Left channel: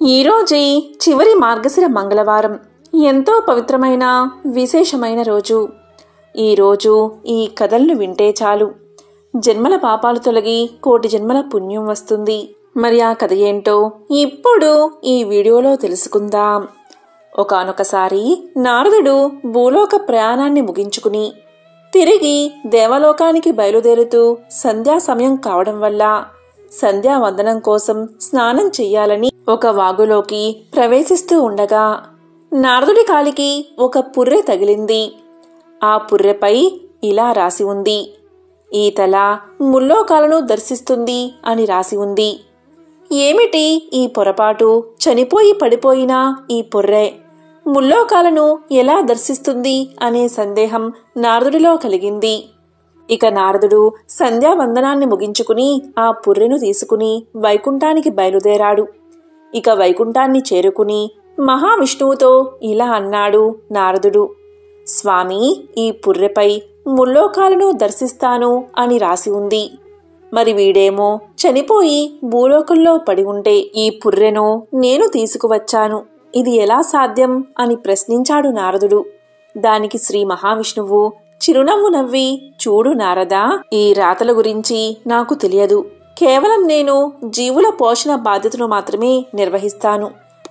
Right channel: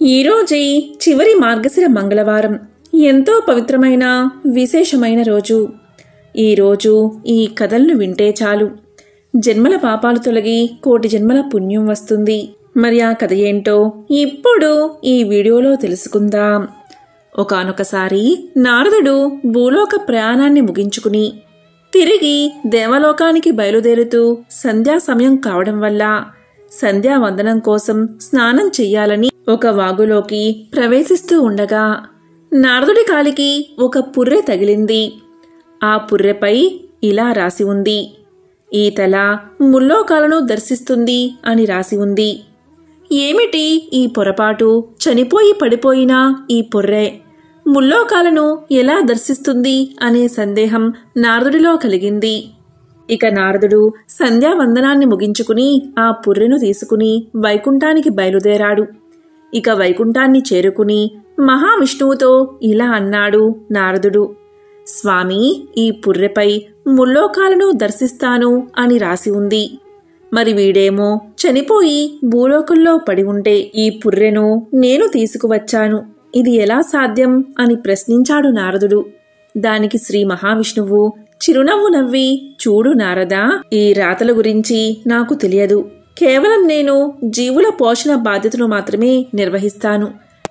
ఈరోజే చివరి మార్గశిర మంగళవారం. ఎంతో పవిత్రమైన విశేషమైన రోజు. ఈరోజు ఈ కథలను వింటే చాలు జన్మల పాపాలు తొలగి కోటి జన్మల పుణ్యం వస్తుంది. మరి ఆ కథ ఏంటో ఇప్పుడు ఈ వీడియోలో తెలుసుకుందాం. ఒకానొకసారి నారదుడు భూలోక ప్రయాణాన్ని ముగించుకుని తిరిగి దేవలోకానికి బయలుదేరుతూ సంధ్యా సమయం కావడం వల్ల సంధ్యావందనం కోసం స్నానం చెయ్యాలని ఒక వాగులోకి ప్రవేశిస్తూ ఉండగా నారదుడి కాలికి ఒక పుర్రె తగిలింది. ఆ పుర్రెపై ఇలా రాసి ఉంది: ఈ తల ముల్లోకాలను దర్శిస్తుంది అని రాసి ఉంది. ఏమిటి ఈ పొరపాటు? చనిపోయి పడిపోయిన ఈ పుర్రె ముల్లోకాలను ఎలా దర్శిస్తుంది అనే సందేహం నారదుడిలో కలిగింది. ఇక నారదుడు సంధ్యావందనాన్ని ముగించుకుని ఆ పుర్రెను తీసుకుని వైకుంఠానికి బయలుదేరాడు. ఇక వైకుంఠాన్ని చేరుకుని మహావిష్ణువుతో ఇలా అన్నాడు నారదుడు: స్వామి, ఈ పుర్రెపై ముల్లోకాలను దర్శిస్తాను అని రాసి ఉంది. మరి వీడేమో చనిపోయి భూలోకంలో పడి ఉంటే ఈ పుర్రెను నేను తీసుకువచ్చాను, ఇది ఎలా సాధ్యం అని ప్రశ్నించాడు నారదుడు. దానికి శ్రీ మహావిష్ణువు చిరునవ్వు నవ్వి, చూడు నారదా, ఈ రాతల గురించి నాకు తెలియదు. కేవలం నేను జీవుల పోషణ బాధ్యతను మాత్రమే నిర్వహిస్తాను.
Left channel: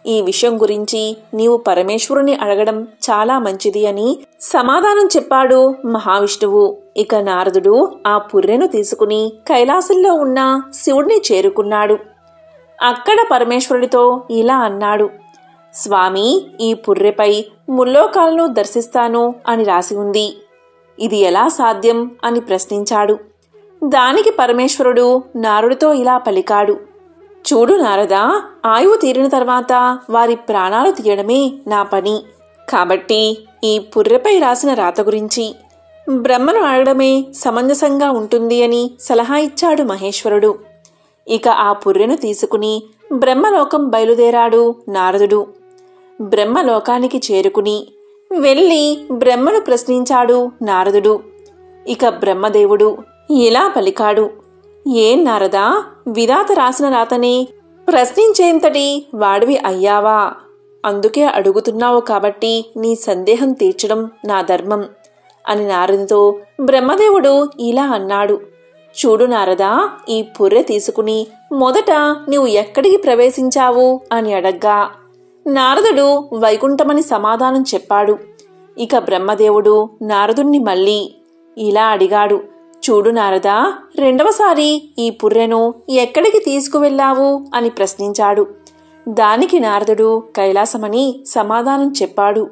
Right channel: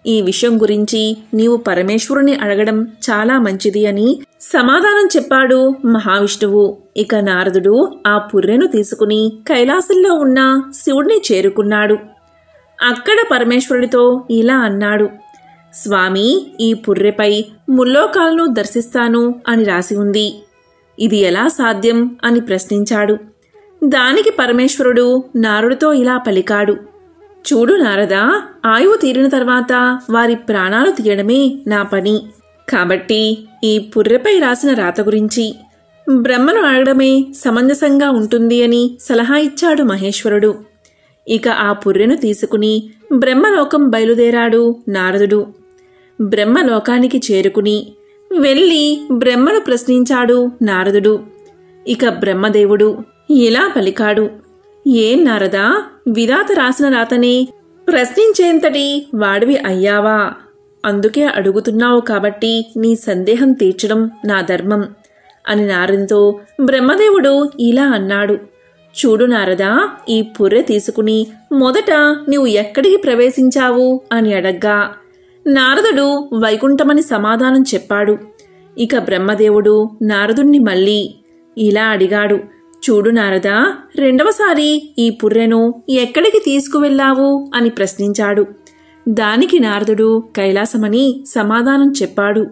ఈ విషయం గురించి నీవు పరమేశ్వరుని అడగడం చాలా మంచిది అని సమాధానం చెప్పాడు మహావిష్ణువు. ఇక నారదుడు ఆ పుర్రెను తీసుకుని కైలాసంలో ఉన్న శివుడిని చేరుకున్నాడు. అక్కడ పరమేశ్వరుడితో ఇలా అన్నాడు: స్వామి, ఈ పుర్రెపై ముల్లోకాలను దర్శిస్తాను అని రాసి ఉంది. ఇది ఎలా సాధ్యం అని ప్రశ్నించాడు. దానికి పరమేశ్వరుడు నారదుడితో ఇలా పలికాడు: చూడు నారదా, ఆయువు తీరిన తర్వాత వారి ప్రాణాలు తీయడమే నా పని. కాబట్టి ఈ పుర్రెపై రాసిన రాత గురించి బ్రహ్మను అడగడమే సమంజసంగా ఉంటుంది అని సలహా ఇచ్చాడు మహేశ్వరుడు. ఇక ఆ పుర్రెను తీసుకుని బ్రహ్మలోకం బయలుదేరాడు నారదుడు. బ్రహ్మలోకానికి చేరుకుని వెళ్ళి బ్రహ్మను ప్రశ్నించాడు నారదుడు. ఇక బ్రహ్మదేవుడు ఇలా పలికాడు: ఏం నారదా, విధాత రాసిన రాతనే ప్రశ్నించేంతటి వాడివి అయ్యావా? అందుకే అడుగుతున్నావు కాబట్టి నీ సందేహం తీర్చడం నా ధర్మం అని నారదునితో బ్రహ్మదేవుడు ఇలా అన్నాడు. చూడు నారదా, ఈ పుర్రె తీసుకుని మొదట నీవు ఎక్కడికి ప్రవేశించావు అని అడగ్గా నారదుడు వైకుంఠమని సమాధానం చెప్పాడు. ఇక బ్రహ్మదేవుడు నారదుణ్ణి మళ్ళీ ఇలా అడిగాడు: చూడు నారదా, రెండవసారి ఈ పుర్రెను ఎక్కడికి తీసుకువెళ్ళావు అని ప్రశ్నించాడు. దానికి నారదుడు కైలాసమని సమాధానం చెప్పాడు.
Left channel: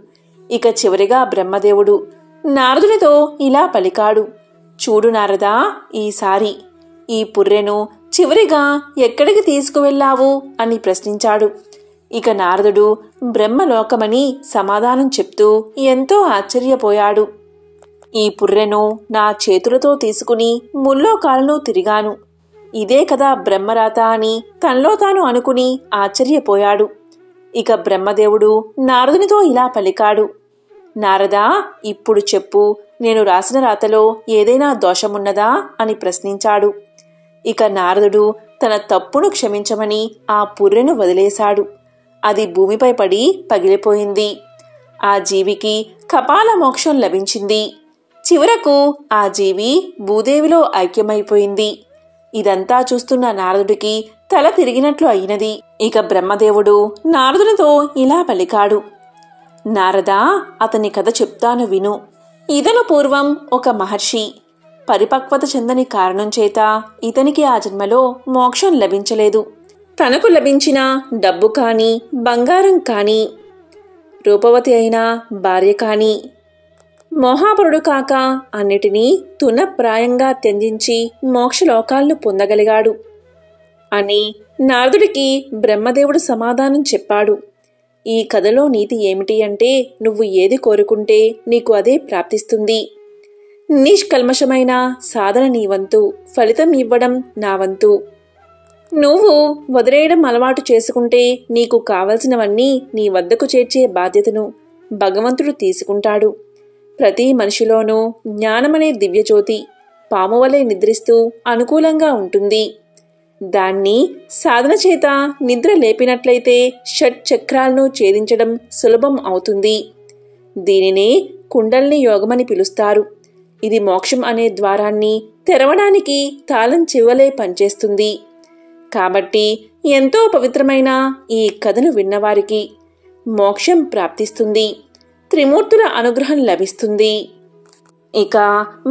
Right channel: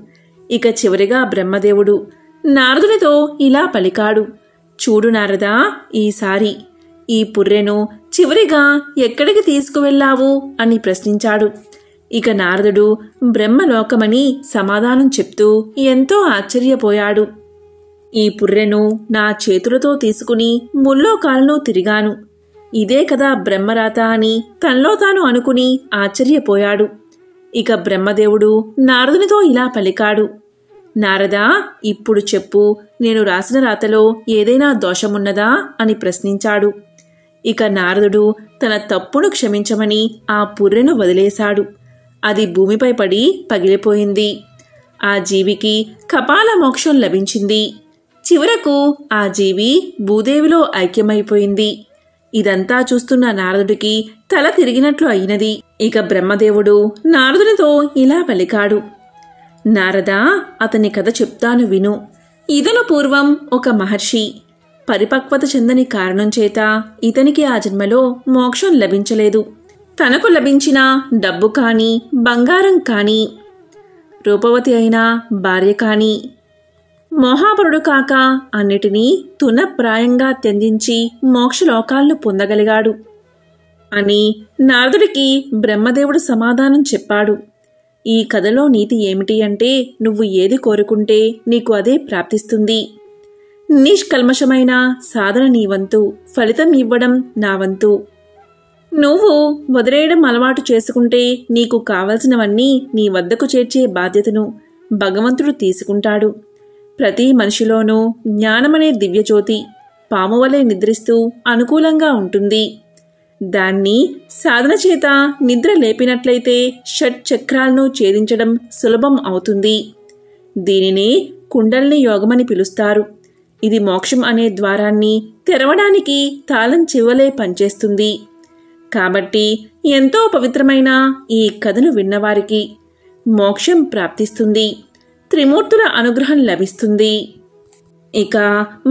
ఇక చివరిగా బ్రహ్మదేవుడు నారదునితో ఇలా పలికాడు: చూడు నారదా, ఈసారి ఈ పుర్రెను చివరిగా ఎక్కడికి తీసుకువెళ్ళావు అని ప్రశ్నించాడు. ఇక నారదుడు బ్రహ్మలోకమని సమాధానం చెప్తూ ఎంతో ఆశ్చర్యపోయాడు. ఈ పుర్రెను నా చేతులతో తీసుకుని ముల్లోకాలను తిరిగాను, ఇదే కదా బ్రహ్మరాత అని తనలో తాను అనుకుని ఆశ్చర్యపోయాడు. ఇక బ్రహ్మదేవుడు నారదునితో ఇలా పలికాడు: నారదా, ఇప్పుడు చెప్పు, నేను రాసిన రాతలో ఏదైనా దోషమున్నదా అని ప్రశ్నించాడు. ఇక నారదుడు తన తప్పును క్షమించమని ఆ పుర్రెను వదిలేశాడు. అది భూమిపై పడి పగిలిపోయింది. ఆ జీవికి కపాల మోక్షం లభించింది. చివరకు ఆ జీవి భూదేవిలో ఐక్యమైపోయింది. ఇదంతా చూస్తున్న నారదుడికి తల తిరిగినట్లు అయినది. ఇక బ్రహ్మదేవుడు నారదునితో ఇలా పలికాడు: నారదా, అతని కథ చెప్తాను విను. ఇతను పూర్వం ఒక మహర్షి. పరిపక్వత చెందని కారణం చేత ఇతనికి ఆ జన్మలో మోక్షం లభించలేదు. తనకు లభించిన డబ్బు కాని, బంగారం కాని, రూపవతి అయిన భార్య కాని, మోహాపరుడు కాక అన్నిటినీ తునప్రాయంగా త్యజించి మోక్షలోకాలను పొందగలిగాడు అని నారదుడికి బ్రహ్మదేవుడు సమాధానం చెప్పాడు. ఈ కథలో నీతి ఏమిటి అంటే, నువ్వు ఏది కోరుకుంటే నీకు అదే ప్రాప్తిస్తుంది. నిష్కల్మషమైన సాధన నీ వంతు, ఫలితం ఇవ్వడం నా వంతు. నువ్వు వదిలేయడం అలవాటు చేసుకుంటే నీకు కావలసినవన్నీ నీ వద్దకు చేర్చే బాధ్యతను భగవంతుడు తీసుకుంటాడు. ప్రతి మనిషిలోనూ జ్ఞానమనే దివ్యజ్యోతి పాము వలె నిద్రిస్తూ అనుకూలంగా ఉంటుంది. దాన్ని సాధన చేత నిద్ర లేపినట్లయితే షట్చక్రాలను ఛేదించడం సులభం అవుతుంది. దీనినే కుండల్ని యోగమని పిలుస్తారు. ఇది మోక్షం అనే ద్వారాన్ని తెరవడానికి తాళం చెవులే పనిచేస్తుంది. కాబట్టి ఎంతో పవిత్రమైన ఈ కథను విన్నవారికి మోక్షం ప్రాప్తిస్తుంది, త్రిమూర్తుల అనుగ్రహం లభిస్తుంది. ఇక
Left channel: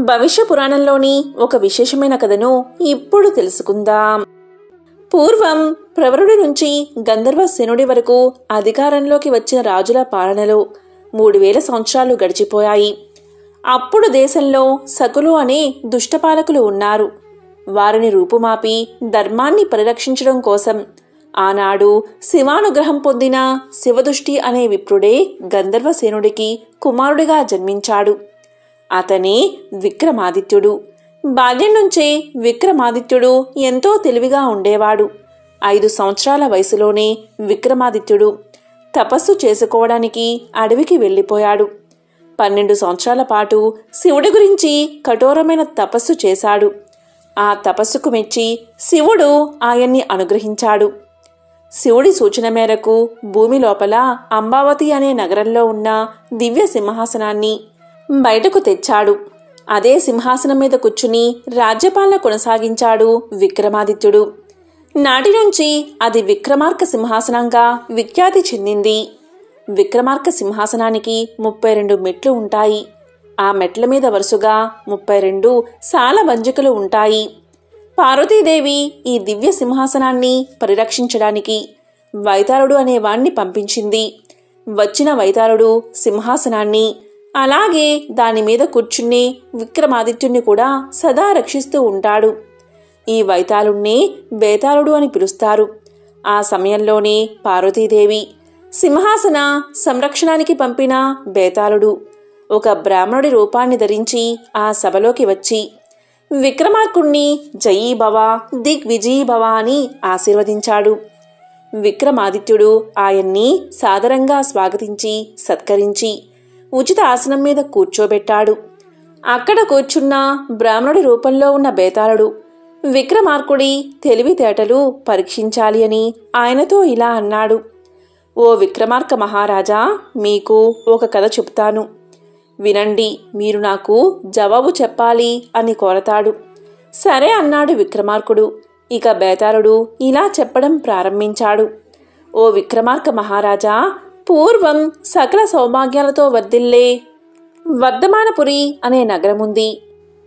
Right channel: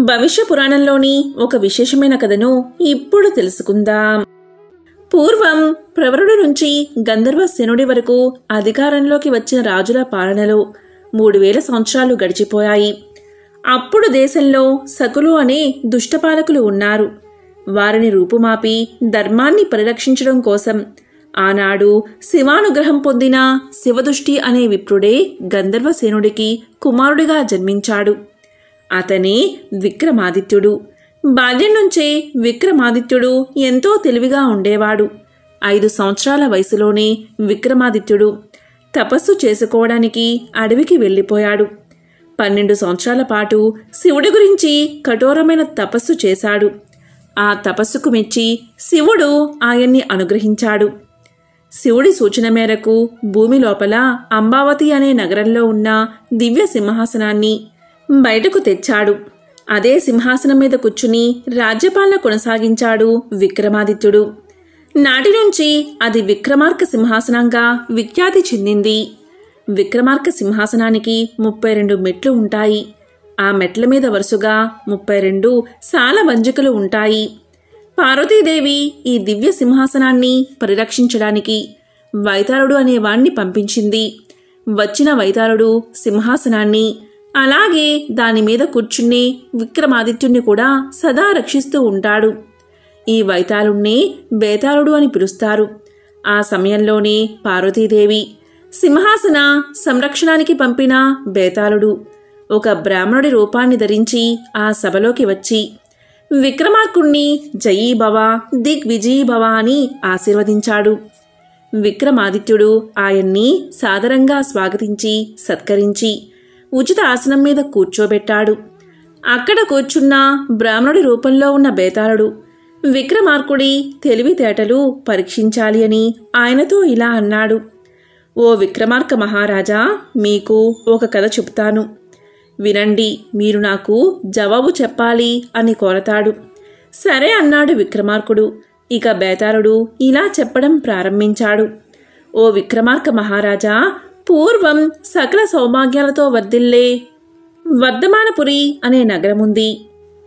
భవిష్య పురాణంలోని ఒక విశేషమైన కథను ఇప్పుడు తెలుసుకుందాం. పూర్వం ప్రవరుడి నుంచి గంధర్వసేనుడి వరకు అధికారంలోకి వచ్చిన రాజుల పాలనలో 3000 సంవత్సరాలు గడిచిపోయాయి. అప్పుడు దేశంలో సకులు అనే దుష్టపాలకులు ఉన్నారు. వారిని రూపుమాపి ధర్మాన్ని పరిరక్షించడం కోసం ఆనాడు శివానుగ్రహం పొందిన శివదృష్టి అనే విప్రుడే గంధర్వసేనుడికి కుమారుడిగా జన్మించాడు. అతనే విక్రమాదిత్యుడు. బాల్యం నుంచే విక్రమాదిత్యుడు ఎంతో తెలివిగా ఉండేవాడు. 5 సంవత్సరాల వయసులోనే విక్రమాదిత్యుడు తపస్సు చేసుకోవడానికి అడవికి వెళ్ళిపోయాడు. 12 సంవత్సరాల పాటు శివుడి గురించి కఠోరమైన తపస్సు చేశాడు. ఆ తపస్సుకు మెచ్చి శివుడు ఆయన్ని అనుగ్రహించాడు. శివుడి సూచన మేరకు భూమి లోపల అంబావతి అనే నగరంలో ఉన్న దివ్య సింహాసనాన్ని బయటకు తెచ్చాడు. అదే సింహాసనం మీద కూర్చుని రాజ్యపాలన కొనసాగించాడు విక్రమాదిత్యుడు. నాటి నుంచి అది విక్రమార్క సింహాసనంగా విఖ్యాతి చెందింది. విక్రమార్క సింహాసనానికి 32 మెట్లు ఉంటాయి. ఆ మెట్ల మీద వరుసగా 32 సాలవంజికలు ఉంటాయి. పార్వతీదేవి ఈ దివ్య సింహాసనాన్ని పరిరక్షించడానికి వైతాళుడు అనేవాణ్ణి పంపించింది. వచ్చిన వైతాళుడు సింహాసనాన్ని అలాగే దానిమీద కూర్చునే విక్రమాదిత్యుణ్ణి కూడా సదా రక్షిస్తూ ఉంటాడు. ఈ వైతాళుణ్ణి బేతాళుడు అని పిలుస్తారు. ఆ సమయంలోనే పార్వతీదేవి సింహాసన సంరక్షణానికి పంపిన బేతాళుడు ఒక బ్రాహ్మణుడి రూపాన్ని ధరించి ఆ సభలోకి వచ్చి విక్రమార్కుణ్ణి జయీభవ దిగ్విజయీభవ అని ఆశీర్వదించాడు. విక్రమాదిత్యుడు ఆయన్ని సాదరంగా స్వాగతించి సత్కరించి ఉచిత ఆసనం మీద కూర్చోబెట్టాడు. అక్కడ కూర్చున్న బ్రాహ్మణుడి రూపంలో ఉన్న బేతాళుడు విక్రమార్కుడి తెలివితేటలు పరీక్షించాలి అని ఆయనతో ఇలా అన్నాడు. ఓ విక్రమార్క మహారాజా, మీకు ఒక కథ చెప్తాను, వినండి, మీరు నాకు జవాబు చెప్పాలి అని కోరతాడు. సరే అన్నాడు విక్రమార్కుడు. ఇక బేతాళుడు ఇలా చెప్పడం ప్రారంభించాడు. ఓ విక్రమార్క మహారాజా, పూర్వం సకల సౌభాగ్యాలతో వర్ధిల్లే వర్ధమానపురి అనే నగరముంది.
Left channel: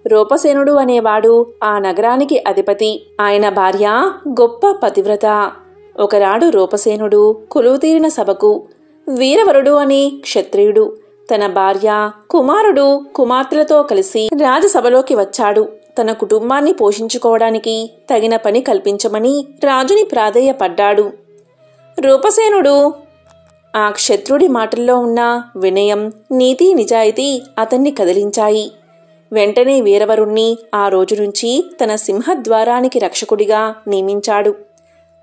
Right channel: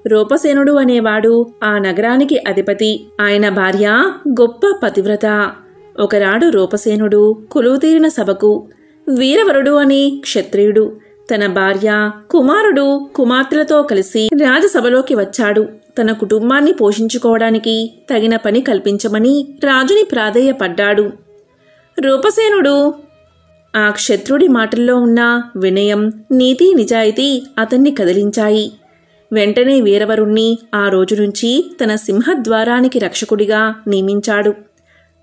రూపసేనుడు అనేవాడు ఆ నగరానికి అధిపతి. ఆయన భార్య గొప్ప పతివ్రత. ఒకనాడు రూపసేనుడు కొలువుతీరిన సభకు వీరవరుడు అనే క్షత్రియుడు తన భార్య, కుమారుడు, కుమార్తెలతో కలిసి రాజసభలోకి వచ్చాడు. తన కుటుంబాన్ని పోషించుకోవడానికి తగిన పని కల్పించమని రాజుని ప్రాధేయపడ్డాడు. రూపసేనుడు ఆ క్షత్రుడి మాటల్లో ఉన్న వినయం, నీతి, నిజాయితీ అతన్ని కదిలించాయి. వెంటనే వీరవరుణ్ణి ఆ రోజు నుంచి తన సింహద్వారానికి రక్షకుడిగా నియమించాడు.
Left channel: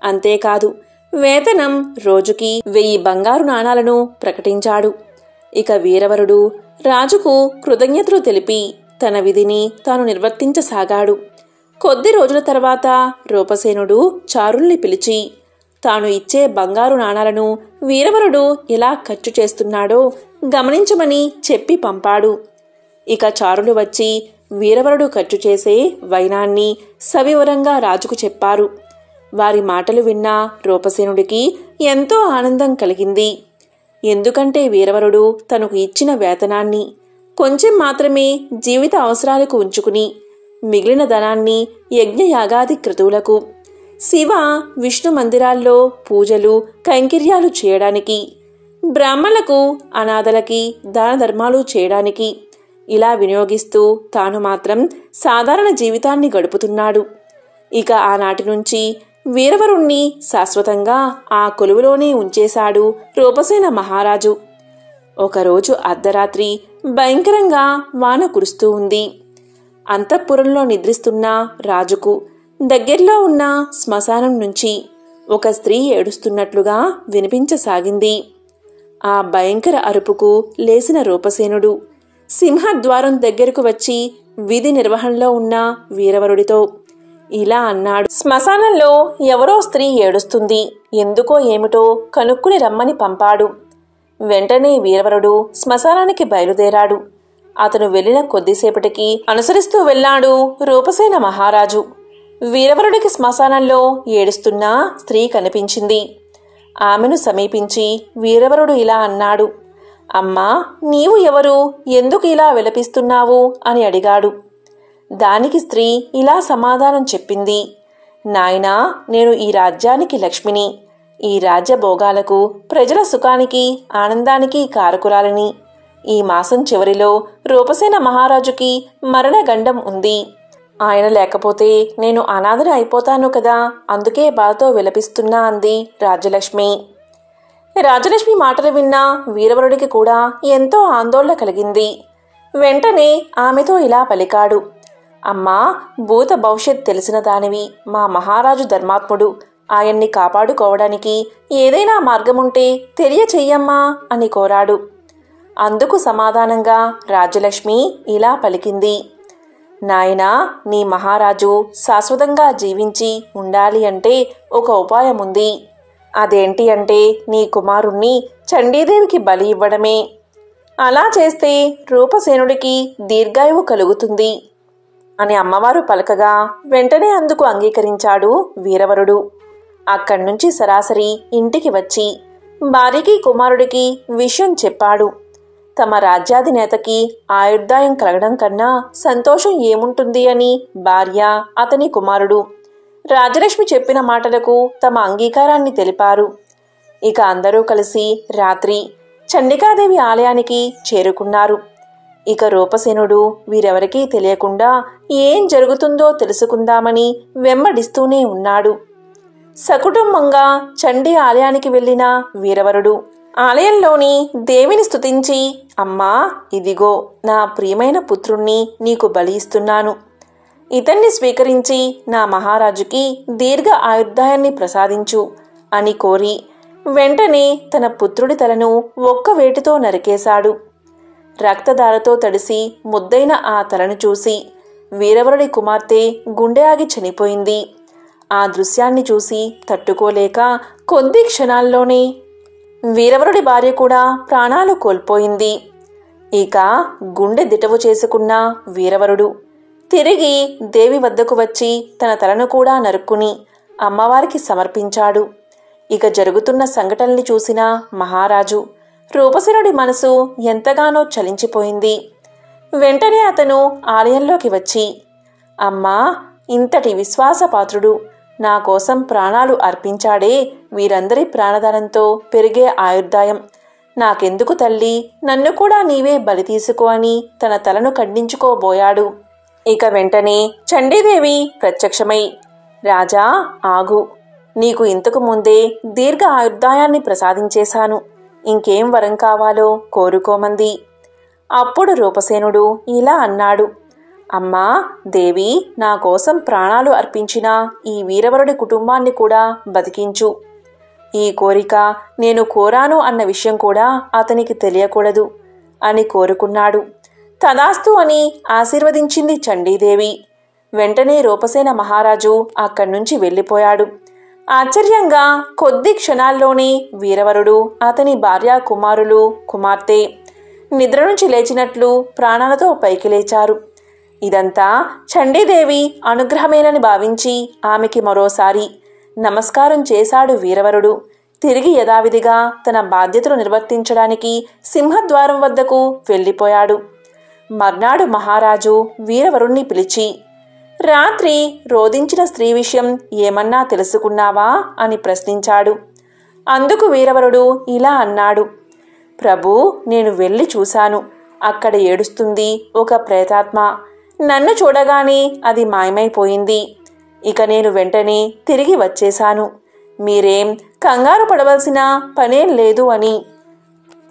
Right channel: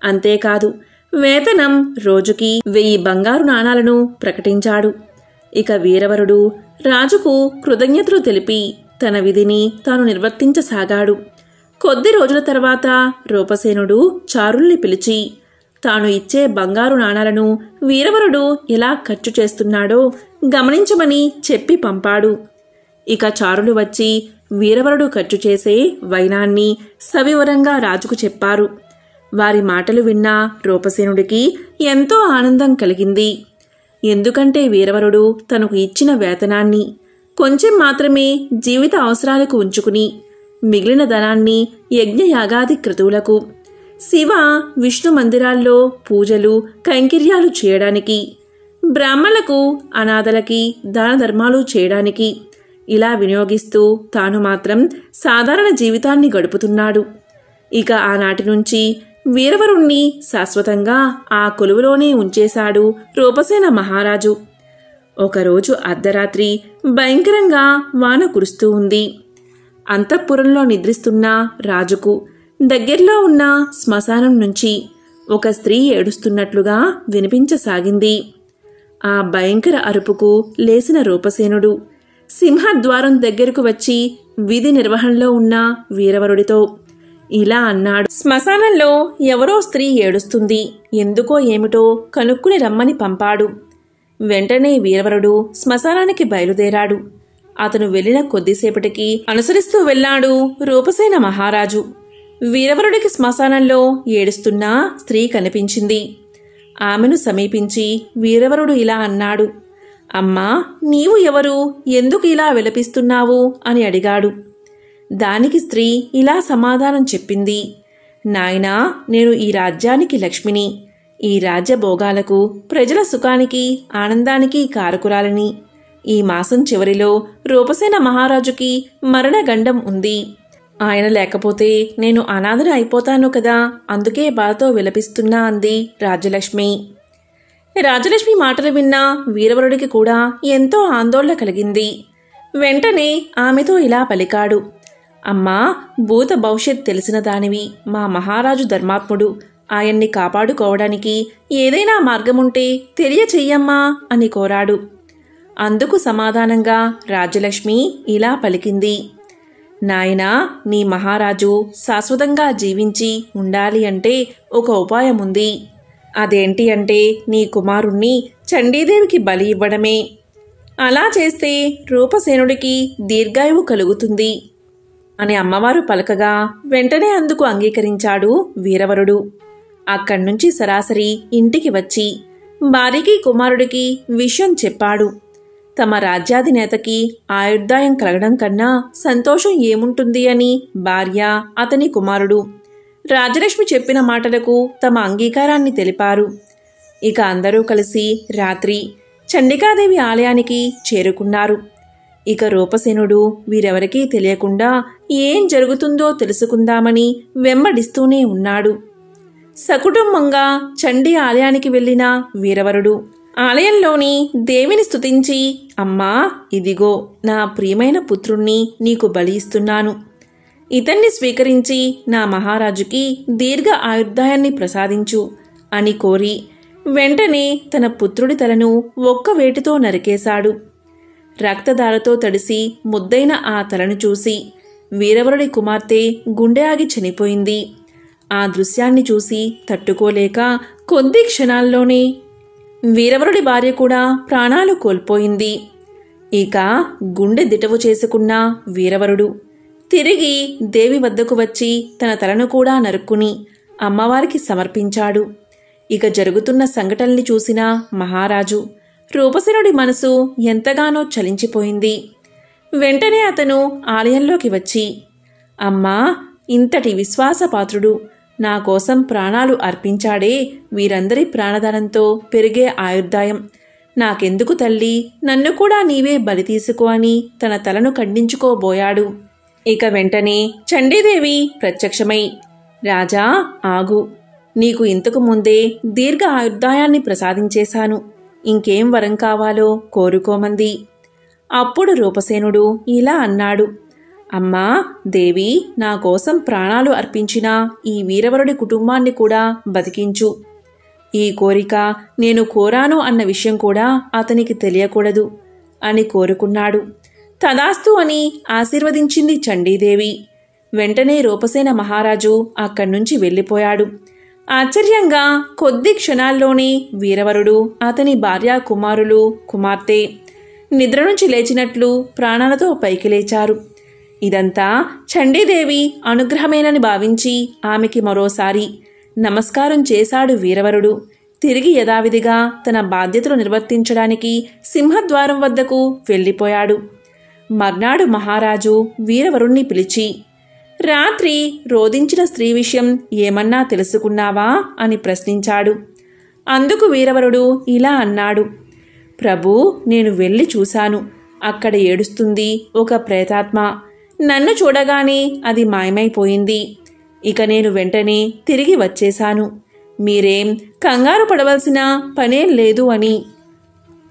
అంతేకాదు, వేతనం రోజుకి 1000 బంగారు నాణాలను ప్రకటించాడు. ఇక వీరవరుడు రాజుకు కృతజ్ఞతలు తెలిపి తన విధిని తాను నిర్వర్తించసాగాడు. కొద్ది రోజుల తర్వాత రూపసేనుడు చారుల్ని పిలిచి తాను ఇచ్చే బంగారు నాణాలను వీరవరుడు ఎలా ఖర్చు చేస్తున్నాడో గమనించమని చెప్పి పంపాడు. ఇక చారులు వచ్చి వీరవరుడు ఖర్చు చేసే వైనాన్ని సవివరంగా రాజుకు చెప్పారు. వారి మాటలు విన్న రూపసేనుడికి ఎంతో ఆనందం కలిగింది. ఎందుకంటే వీరవరుడు తనకు ఇచ్చిన వేతనాన్ని కొంచెం మాత్రమే జీవిత అవసరాలకు ఉంచుకుని మిగిలిన ధనాన్ని యజ్ఞయాగాది క్రతువులకు, శివ విష్ణు మందిరాల్లో పూజలు కైంకర్యాలు చేయడానికి, బ్రాహ్మణులకు అనాథలకి దాన ధర్మాలు చేయడానికి ఇలా వినియోగిస్తూ తాను మాత్రం సాధారణ జీవితాన్ని గడుపుతున్నాడు. ఇక ఆనాటి నుంచి వీరవరుణ్ణి శాశ్వతంగా ఆ కొలువులోనే ఉంచేశాడు రూపసేన మహారాజు. ఒకరోజు అర్ధరాత్రి భయంకరంగా వాన కురుస్తూ ఉంది. అంతఃపురంలో నిద్రిస్తున్న రాజుకు దగ్గర్లో ఉన్న శ్మశానం నుంచి ఒక స్త్రీ ఏడుస్తున్నట్లుగా వినిపించసాగింది. ఆ భయంకర అరుపుకు లేచిన రూపసేనుడు సింహద్వారం దగ్గరకు వచ్చి విధి నిర్వహణలో ఉన్న వీరవరుడితో, ఇలా అన్నాడు. శ్మశానంలో ఎవరో స్త్రీ ఏడుస్తుంది. ఎందుకో ఏమిటో కనుక్కుని రమ్మని పంపాడు. వెంటనే వీరవరుడు శ్మశానానికి బయలుదేరాడు. అతను వెళ్లిన కొద్దిసేపటికి అనుసరిస్తూ వెళ్లాడు రూపసేన మహారాజు. వీరవరుడికి శ్మశానంలో ఏడుస్తున్న స్త్రీ కనిపించింది. ఆమెను సమీపించి వీరవరుడు ఇలా అన్నాడు. అమ్మా, నీవు ఎవరు? ఎందుకు ఇలా విలపిస్తున్నావు అని అడిగాడు. దానికి స్త్రీ ఇలా సమాధానం చెప్పింది. నాయనా, నేను ఈ రాజ్యానికి లక్ష్మిని. ఈ రాజ్య భోగాలకు, ప్రజల సుఖానికి, ఆనందానికి కారకురాలని. ఈ మాసం చివరిలో రూపసేన మహారాజుకి మరణగండం ఉంది. ఆయన లేకపోతే నేను అనాథన అయిపోతాను కదా, అందుకే బాధతో విలపిస్తున్నా అంది రాజ్యలక్ష్మి. రాజలక్ష్మి మాటలు విన్న వీరవరుడికి కూడా ఎంతో ఆందోళన కలిగింది. వెంటనే ఆమెతో ఇలా పలికాడు. అమ్మా, భూత భవిష్యత్ తెలిసిన దానివి. మా మహారాజు ధర్మాత్ముడు. ఆయన్ని కాపాడుకోవడానికి ఏదైనా మార్గముంటే తెలియచెయ్యమ్మా అని కోరాడు. అందుకు సమాధానంగా రాజ్యలక్ష్మి ఇలా పలికింది. నాయనా, నీ మహారాజు శాశ్వతంగా జీవించి ఉండాలి అంటే ఒక ఉపాయముంది. అదేంటి అంటే నీ కుమారుణ్ణి చండీదేవికి బలి ఇవ్వడమే. అలా చేస్తే రూపసేనుడికి దీర్ఘాయువు కలుగుతుంది అని అమ్మవారు పలకగా వెంటనే అందుకు అంగీకరించాడు వీరవరుడు. అక్కడ్నుంచి సరాసరి ఇంటికి వచ్చి భార్యకి కుమారుడికి విషయం చెప్పాడు. తమ రాజ్యాధినేతకి ఆయుర్దాయం కలగడం కన్నా సంతోషం ఏముంటుంది అని భార్య, అతని కుమారుడు రాజలక్ష్మి చెప్పిన మాటలకు తమ అంగీకారాన్ని తెలిపారు. ఇక అందరూ కలిసి రాత్రి చండికాదేవి ఆలయానికి చేరుకున్నారు. ఇక రూపసేనుడు వీరెవరికీ తెలియకుండా ఏం జరుగుతుందో తెలుసుకుందామని వెంబడిస్తూనే ఉన్నాడు. సకుటుంబంగా చండీ ఆలయానికి వెళ్లిన వీరవరుడు ఆలయంలోని దేవిని స్తుతించి, అమ్మా, ఇదిగో నా ప్రియమైన పుత్రుణ్ణి నీకు బలి ఇస్తున్నాను. ఇతన్ని స్వీకరించి నా మహారాజుకి దీర్ఘ ఆయుర్దాయాన్ని ప్రసాదించు అని కోరి వెంటనే తన పుత్రుడి తలను ఒక్క వేటుతో నరికేశాడు. రక్తధారతో తడిసి ముద్దైన ఆ తలను చూసి వీరవరుడి కుమార్తె గుండె ఆగి చనిపోయింది. ఆ దృశ్యాన్ని చూసి తట్టుకోలేక కొద్ది క్షణాల్లోనే వీరవరుడి భార్య కూడా ప్రాణాలు కోల్పోయింది. ఇక గుండె దిటవు చేసుకున్న వీరవరుడు తిరిగి దేవి వద్దకు వచ్చి తన తలను కూడా నరుక్కుని అమ్మవారికి సమర్పించాడు. ఇక జరుగుతున్న సంఘటనల్ని చూసిన మహారాజు రూపసేనుడి మనసు ఎంతగానో చలించిపోయింది. వెంటనే అతను ఆలయంలోకి వచ్చి, అమ్మా, ఇంతటి విశ్వాసపాత్రుడు నా కోసం ప్రాణాలు అర్పించాడే, వీరందరి ప్రాణదానంతో పెరిగే ఆయుర్దాయం నాకెందుకు తల్లి, నన్ను కూడా నీవే బలి తీసుకో అని తన తలను ఖండించుకోబోయాడు. ఇక వెంటనే చండీదేవి ప్రత్యక్షమై, రాజా, ఆగు, నీకు ఇంతకు ముందే దీర్ఘ ఆయుర్దాయాన్ని ప్రసాదించేశాను. ఇంకేం వరం కావాలో కోరుకోమంది. అప్పుడు రూపసేనుడు ఇలా అన్నాడు. అమ్మా దేవి, నా కోసం ప్రాణాలు అర్పించిన ఈ వీరవరుడి కుటుంబాన్ని కూడా బతికించు. ఈ కోరిక నేను కోరాను అన్న విషయం కూడా అతనికి తెలియకూడదు అని కోరుకున్నాడు. తదాస్తు అని ఆశీర్వదించింది చండీదేవి. వెంటనే రూపసేన మహారాజు అక్కడ్నుంచి వెళ్ళిపోయాడు. ఆశ్చర్యంగా కొద్ది క్షణాల్లోనే వీరవరుడు, అతని భార్య, కుమారులు, కుమార్తె నిద్ర నుంచి లేచినట్లు ప్రాణాలతో పైకి లేచారు. ఇదంతా చండీదేవి అనుగ్రహమేనని భావించి ఆమెకి మరోసారి నమస్కారం చేశాడు వీరవరుడు. తిరిగి యథావిధిగా తన బాధ్యతలు నిర్వర్తించడానికి సింహద్వారం వద్దకు వెళ్ళిపోయాడు. మర్నాడు మహారాజు వీరవరుణ్ణి పిలిచి, రాత్రి రోదించిన స్త్రీ విషయం ఏమన్నా తెలుసుకున్నావా అని ప్రశ్నించాడు. అందుకు వీరవరుడు ఇలా అన్నాడు. ప్రభూ, నేను వెళ్ళి చూశాను. అక్కడ ఏడుస్తుంది ఒక ప్రేతాత్మ. నన్ను చూడగానే అది మాయమైపోయింది. ఇక నేను వెంటనే తిరిగి వచ్చేశాను. మీరేం కంగారు పడవలసిన పనేం లేదు అని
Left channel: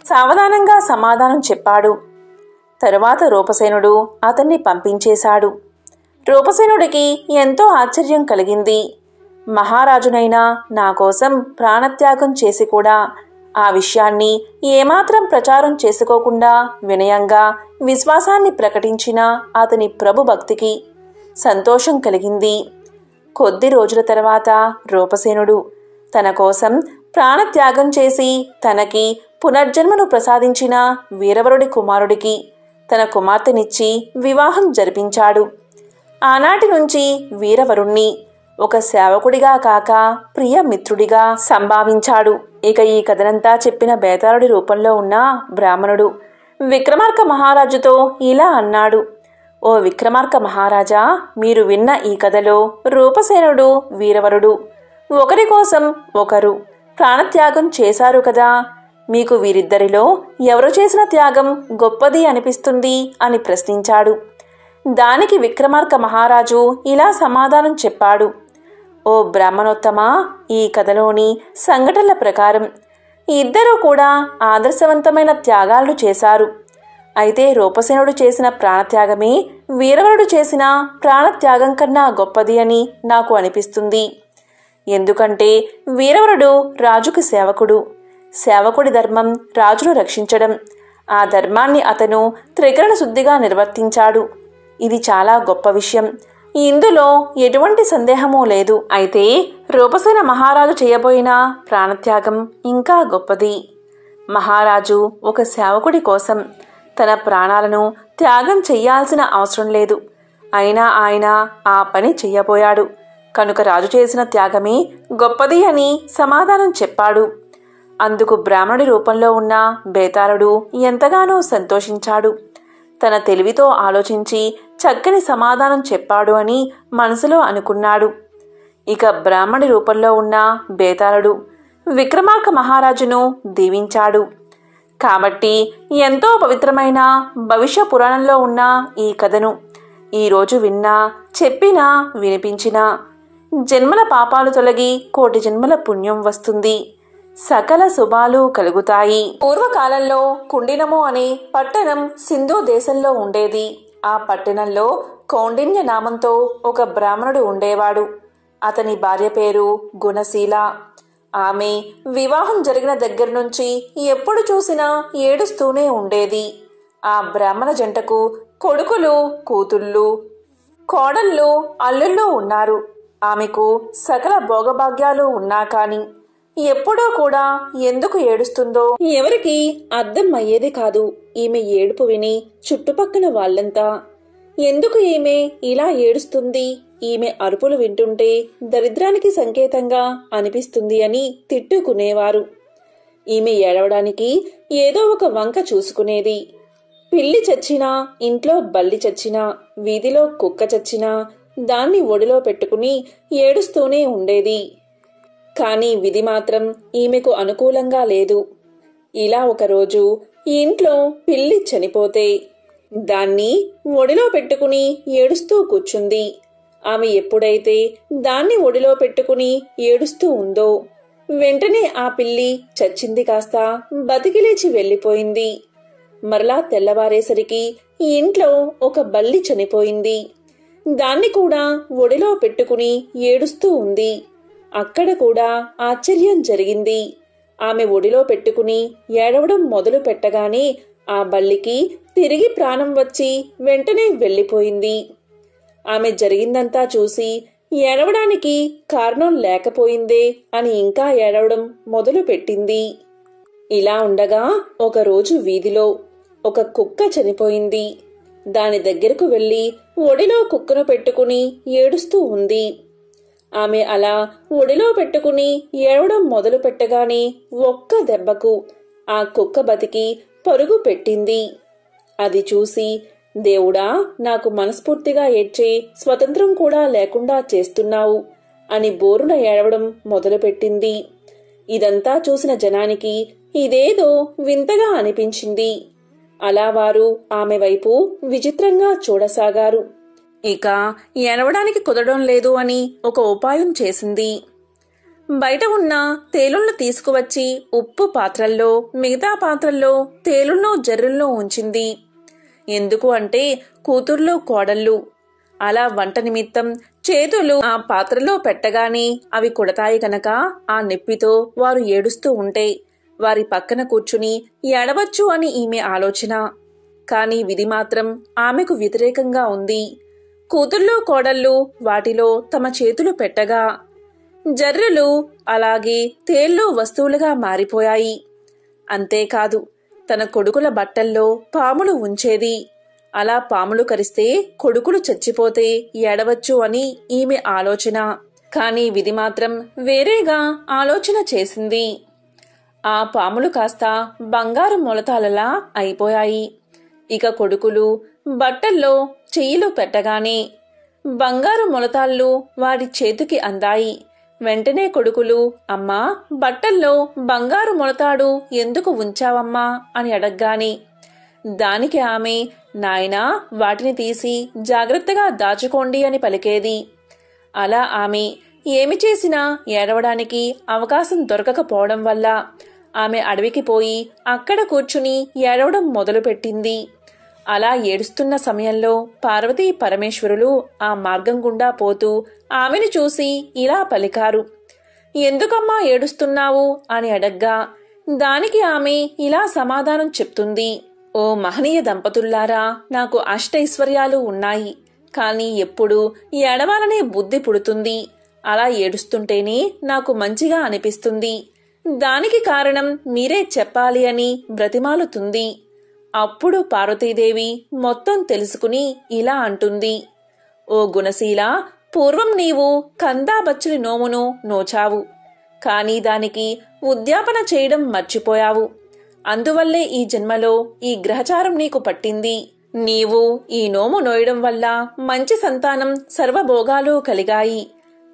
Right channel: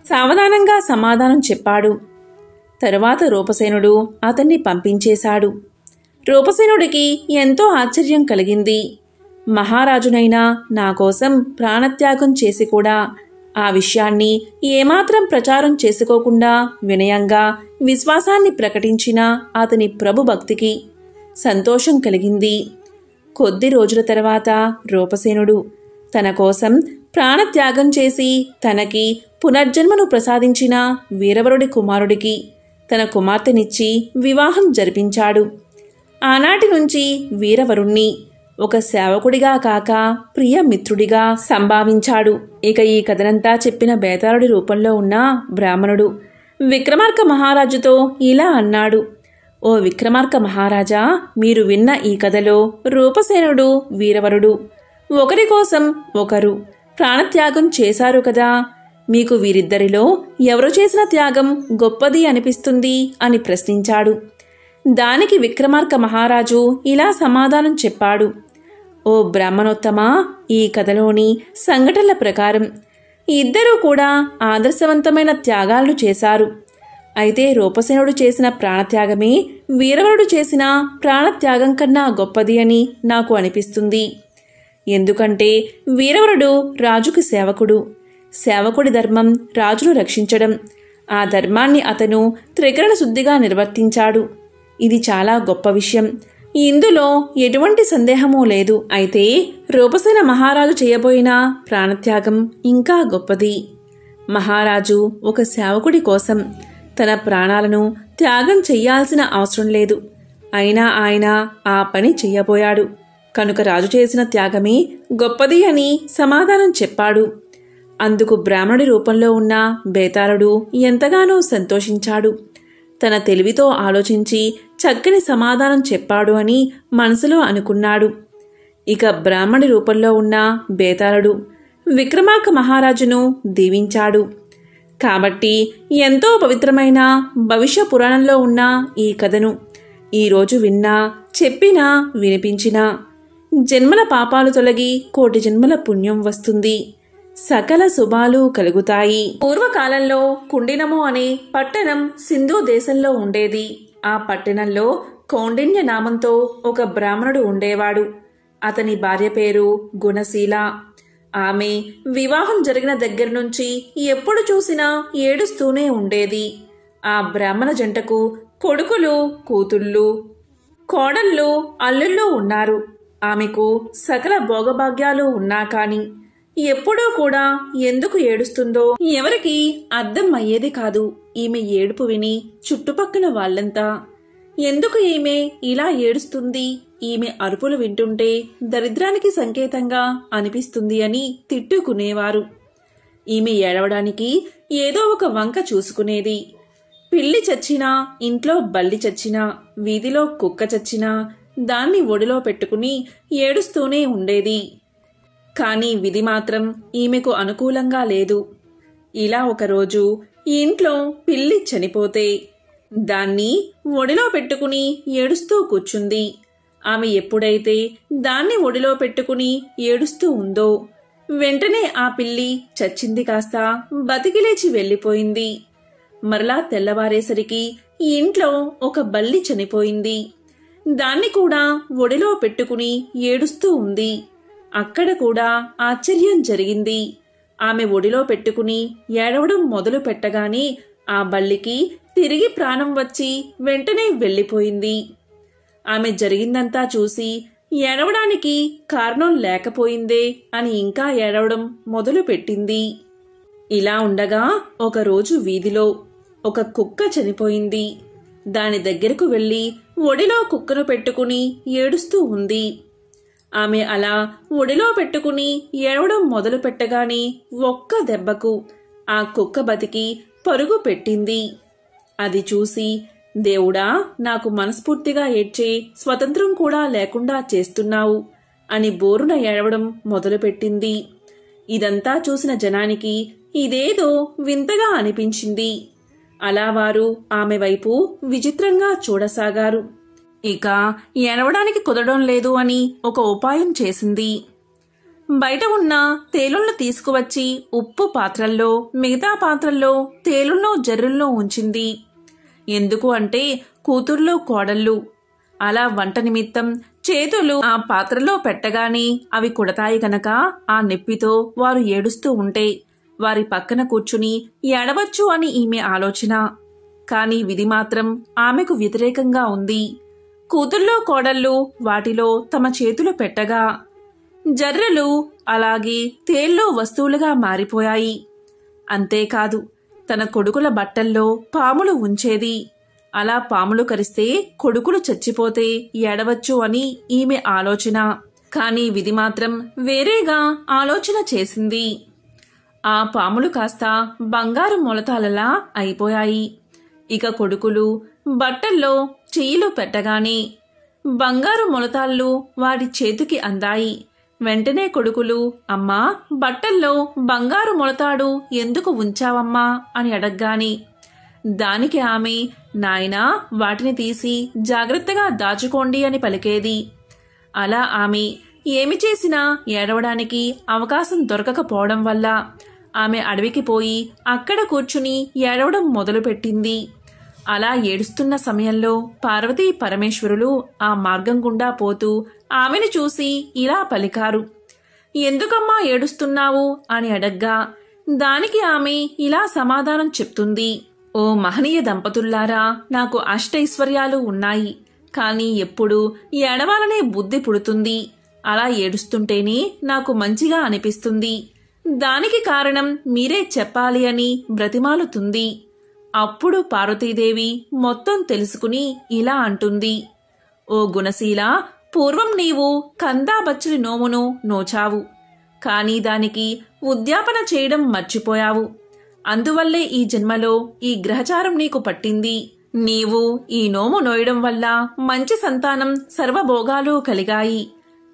సావధానంగా సమాధానం చెప్పాడు. తరువాత రూపసేనుడు అతన్ని పంపించేశాడు. రూపసేనుడికి ఎంతో ఆశ్చర్యం కలిగింది. మహారాజునైనా నా కోసం ప్రాణత్యాగం చేసి కూడా ఆ విషయాన్ని ఏమాత్రం ప్రచారం చేసుకోకుండా వినయంగా విశ్వాసాన్ని ప్రకటించిన అతని ప్రభు భక్తికి సంతోషం కలిగింది. కొద్ది రోజుల తర్వాత రూపసేనుడు తన కోసం ప్రాణత్యాగం చేసి తనకి పునర్జన్మను ప్రసాదించిన వీరవరుడి కుమారుడికి తన కుమార్తెనిచ్చి వివాహం జరిపించాడు. ఆనాటి నుంచి వీరవరుణ్ణి ఒక సేవకుడిగా కాక ప్రియ మిత్రుడిగా సంభావించాడు. ఇక ఈ కథనంతా చెప్పిన బేతాళుడి రూపంలో ఉన్న బ్రాహ్మణుడు విక్రమార్క మహారాజుతో ఇలా అన్నాడు: ఓ విక్రమార్క మహారాజా, మీరు విన్న ఈ కథలో రూపసేనుడు, వీరవరుడు ఒకరి కోసం ఒకరు ప్రాణత్యాగం చేశారు కదా. మీకు వీరిద్దరిలో ఎవరు చేసిన త్యాగం గొప్పది అనిపిస్తుంది అని ప్రశ్నించాడు. దానికి విక్రమార్క మహారాజు ఇలా సమాధానం చెప్పాడు: ఓ బ్రాహ్మణోత్తమా, ఈ కథలోని సంఘటనల ప్రకారం ఇద్దరూ కూడా ఆదర్శవంతమైన త్యాగాలను చేశారు. అయితే రూపసేనుడు చేసిన ప్రాణత్యాగమే వీరవరుడు చేసిన ప్రాణత్యాగం కన్నా గొప్పది అని నాకు అనిపిస్తుంది. ఎందుకంటే వీరవరుడు రాజుకు సేవకుడు. సేవకుడి ధర్మం రాజును రక్షించడం. ఆ ధర్మాన్ని అతను త్రికరణ శుద్ధిగా నిర్వర్తించాడు. ఇది చాలా గొప్ప విషయం. ఇందులో ఎటువంటి సందేహమూ లేదు. అయితే రూపసేన మహారాజు చేయబోయిన ప్రాణత్యాగం ఇంకా గొప్పది. మహారాజు ఒక సేవకుడి కోసం తన ప్రాణాలను త్యాగం చెయ్యాల్సిన అవసరం లేదు. అయినా ఆయన ఆ పని చెయ్యబోయాడు కనుక రాజు చేసిన త్యాగమే గొప్పది అని సమాధానం చెప్పాడు. అందుకు బ్రాహ్మణుడి రూపంలో ఉన్న బేతాళుడు ఎంతగానో సంతోషించాడు. తన తెలివితో ఆలోచించి చక్కని సమాధానం చెప్పాడు అని మనసులో అనుకున్నాడు. ఇక బ్రాహ్మణి రూపంలో ఉన్న బేతాళుడు విక్రమార్క మహారాజును దీవించాడు. కాబట్టి ఎంతో పవిత్రమైన భవిష్య పురాణంలో ఉన్న ఈ కథను ఈరోజు విన్నా, చెప్పినా, వినిపించినా జన్మల పాపాలు తొలగి కోటి జన్మల పుణ్యం వస్తుంది. సకల శుభాలు కలుగుతాయి. పూర్వకాలంలో కుండినము అనే పట్టణం సింధు దేశంలో ఉండేది. ఆ పట్టణంలో కౌండిన్య నామంతో ఒక బ్రాహ్మణుడు ఉండేవాడు. అతని భార్య పేరు గుణశీల. ఆమె వివాహం జరిగిన దగ్గర నుంచి ఎప్పుడు చూసినా ఏడుస్తూనే ఉండేది. ఆ బ్రాహ్మణ జంటకు కొడుకులు, కూతుళ్ళు, కోడళ్ళు, అల్లుళ్ళు ఉన్నారు. ఆమెకు సకల భోగభాగ్యాలు ఉన్నా కాని ఎప్పుడూ కూడా ఎందుకు ఏడుస్తుందో ఎవరికి అర్థం అయ్యేది కాదు. ఈమె ఏడుపు విని చుట్టుపక్కల వాళ్ళంతా ఎందుకు ఈమె ఇలా ఏడుస్తుంది, ఈమె అరుపులు వింటుంటే దరిద్రానికి సంకేతంగా అనిపిస్తుంది అని తిట్టుకునేవారు. ఈమె ఏడవడానికి ఏదో ఒక వంక చూసుకునేది. పిల్లి చచ్చినా, ఇంట్లో బల్లి చచ్చినా, వీధిలో కుక్క చచ్చినా దాన్ని ఒడిలో పెట్టుకుని ఏడుస్తూనే ఉండేది. కాని విధి మాత్రం ఈమెకు అనుకూలంగా లేదు. ఇలా ఒకరోజు ఇంట్లో పిల్లి చనిపోతే దాన్ని ఒడిలో పెట్టుకుని ఏడుస్తూ కూర్చుంది. ఆమె ఎప్పుడైతే దాన్ని ఒడిలో పెట్టుకుని ఏడుస్తూ ఉందో వెంటనే ఆ పిల్లి చచ్చింది కాస్త బతికిలేచి వెళ్లిపోయింది. మరలా తెల్లవారేసరికి ఇంట్లో ఒక బల్లి చనిపోయింది. దాన్ని కూడా ఒడిలో పెట్టుకుని ఏడుస్తూ ఉంది. అక్కడ కూడా ఆశ్చర్యం జరిగింది. ఆమె ఒడిలో పెట్టుకుని ఏడవడం మొదలు పెట్టగానే ఆ బల్లికి తిరిగి ప్రాణం వచ్చి వెంటనే వెళ్లిపోయింది. ఆమె జరిగిందంతా చూసి ఏడవడానికి కారణం లేకపోయిందే అని ఇంకా ఏడవడం మొదలు పెట్టింది. ఇలా ఉండగా ఒకరోజు వీధిలో ఒక కుక్క చనిపోయింది. దాని దగ్గరకు వెళ్లి ఒడిలో కుక్కను పెట్టుకుని ఏడుస్తూ ఉంది. ఆమె అలా ఒడిలో పెట్టుకుని ఏడవడం మొదలు పెట్టగానే ఒక్క దెబ్బకు ఆ కుక్క బతికి పరుగు పెట్టింది. అది చూసి, దేవుడా, నాకు మనస్ఫూర్తిగా ఏడ్చే స్వతంత్రం కూడా లేకుండా చేస్తున్నావు అని బోరున ఏడవడం మొదలుపెట్టింది. ఇదంతా చూసిన జనానికి ఇదేదో వింతగా అనిపించింది. అలా వారు ఆమె వైపు విచిత్రంగా చూడసాగారు. ఇక ఏడవడానికి కుదరడం లేదు అని ఒక ఉపాయం చేసింది. బయట ఉన్న తేలులను తీసుకువచ్చి ఉప్పు పాత్రల్లో, మిగతా పాత్రల్లో తేలులను, జర్రులను ఉంచింది. ఎందుకు అంటే కూతుర్లు, కోడళ్ళు అలా వంట నిమిత్తం చేతులు ఆ పాత్రలో పెట్టగానే అవి కుడతాయి గనక ఆ నొప్పితో వారు ఏడుస్తూ ఉంటే వారి పక్కన కూర్చుని ఏడవచ్చు అని ఈమె ఆలోచన. కాని విధి మాత్రం ఆమెకు వ్యతిరేకంగా ఉంది. కూతుళ్ళో కోడళ్ళు వాటిలో తమ చేతులు పెట్టగా జర్రెలు అలాగే తేల్లో వస్తువులుగా మారిపోయాయి. అంతేకాదు తన కొడుకుల బట్టల్లో పాములు ఉంచేది. అలా పాములు కరిస్తే కొడుకులు చచ్చిపోతే ఏడవచ్చు అని ఈమె ఆలోచన. కాని విధి మాత్రం వేరేగా ఆలోచన చేసింది. ఆ పాములు కాస్త బంగారు మొలతాలలా అయిపోయాయి. ఇక కొడుకులు బట్టల్లో చెయ్యిలు పెట్టగానే బంగారు మొలతాళ్ళు వాడి చేతికి అందాయి. వెంటనే కొడుకులు, అమ్మా, బట్టల్లో బంగారు మొలతాడు ఎందుకు ఉంచావమ్మా అని అడగ్గాని దానికి ఆమె, నాయనా, వాటిని తీసి జాగ్రత్తగా దాచుకోండి అని పలికేది. అలా ఆమె ఏమి చేసినా ఏడవడానికి అవకాశం దొరకకపోవడం వల్ల ఆమె అడవికి పోయి అక్కడ కూర్చుని ఏడవడం మొదలుపెట్టింది. అలా ఏడుస్తున్న సమయంలో పార్వతీ పరమేశ్వరులు ఆ మార్గం గుండా పోతూ ఆమెను చూసి ఇలా పలికారు. ఎందుకమ్మా ఏడుస్తున్నావు అని అడగ్గా దానికి ఆమె ఇలా సమాధానం చెప్తుంది. ఓ మహనీయ దంపతుల్లారా, నాకు అష్టైశ్వర్యాలు ఉన్నాయి. కాని ఎప్పుడు ఏడవాలనే బుద్ధి పుడుతుంది. అలా ఏడుస్తుంటేనే నాకు మంచిగా అనిపిస్తుంది. దానికి కారణం మీరే చెప్పాలి అని బ్రతిమాలుతుంది. అప్పుడు పార్వతీదేవి మొత్తం తెలుసుకుని ఇలా అంటుంది. ఓ గుణశీల, పూర్వం నీవు కందాబచ్చలి నోమును నోచావు. కాని దానికి ఉద్యాపన చేయడం మర్చిపోయావు. అందువల్లే ఈ జన్మలో ఈ గ్రహచారం నీకు పట్టింది. నీవు ఈ నోము నోయడం వల్ల మంచి సంతానం సర్వభోగాలు కలిగాయి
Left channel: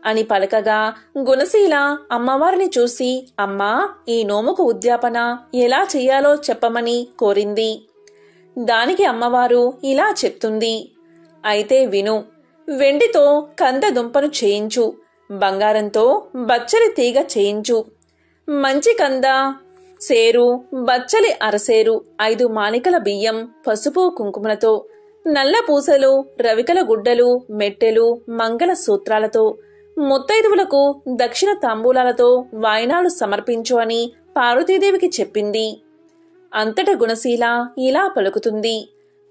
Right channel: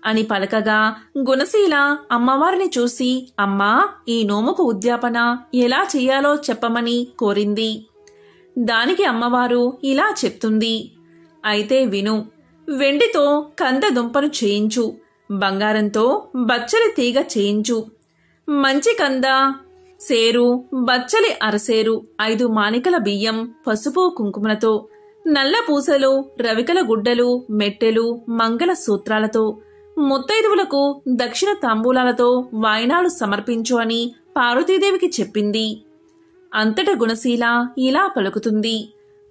అని పలకగా గుణశీల అమ్మవారిని చూసి, అమ్మా, ఈ నోముకు ఉద్యాపన ఎలా చెయ్యాలో చెప్పమని కోరింది. దానికి అమ్మవారు ఇలా చెప్తుంది. అయితే విను. వెండితో కంద దుంపను చేయించు, బంగారంతో బచ్చలి తీగ చేయించు, మంచి కంద సేరు, బచ్చలి అరసేరు, 5 మానికల బియ్యం, పసుపు కుంకుమలతో, నల్ల పూసలు, రవికల గుడ్డలు, మెట్టెలు, మంగళ సూత్రాలతో, ముత్తైదువులకు దక్షిణ తాంబూలాలతో వాయినాలు సమర్పించు అని పార్వతీదేవికి చెప్పింది. అంతట గుణశీల ఇలా పలుకుతుంది.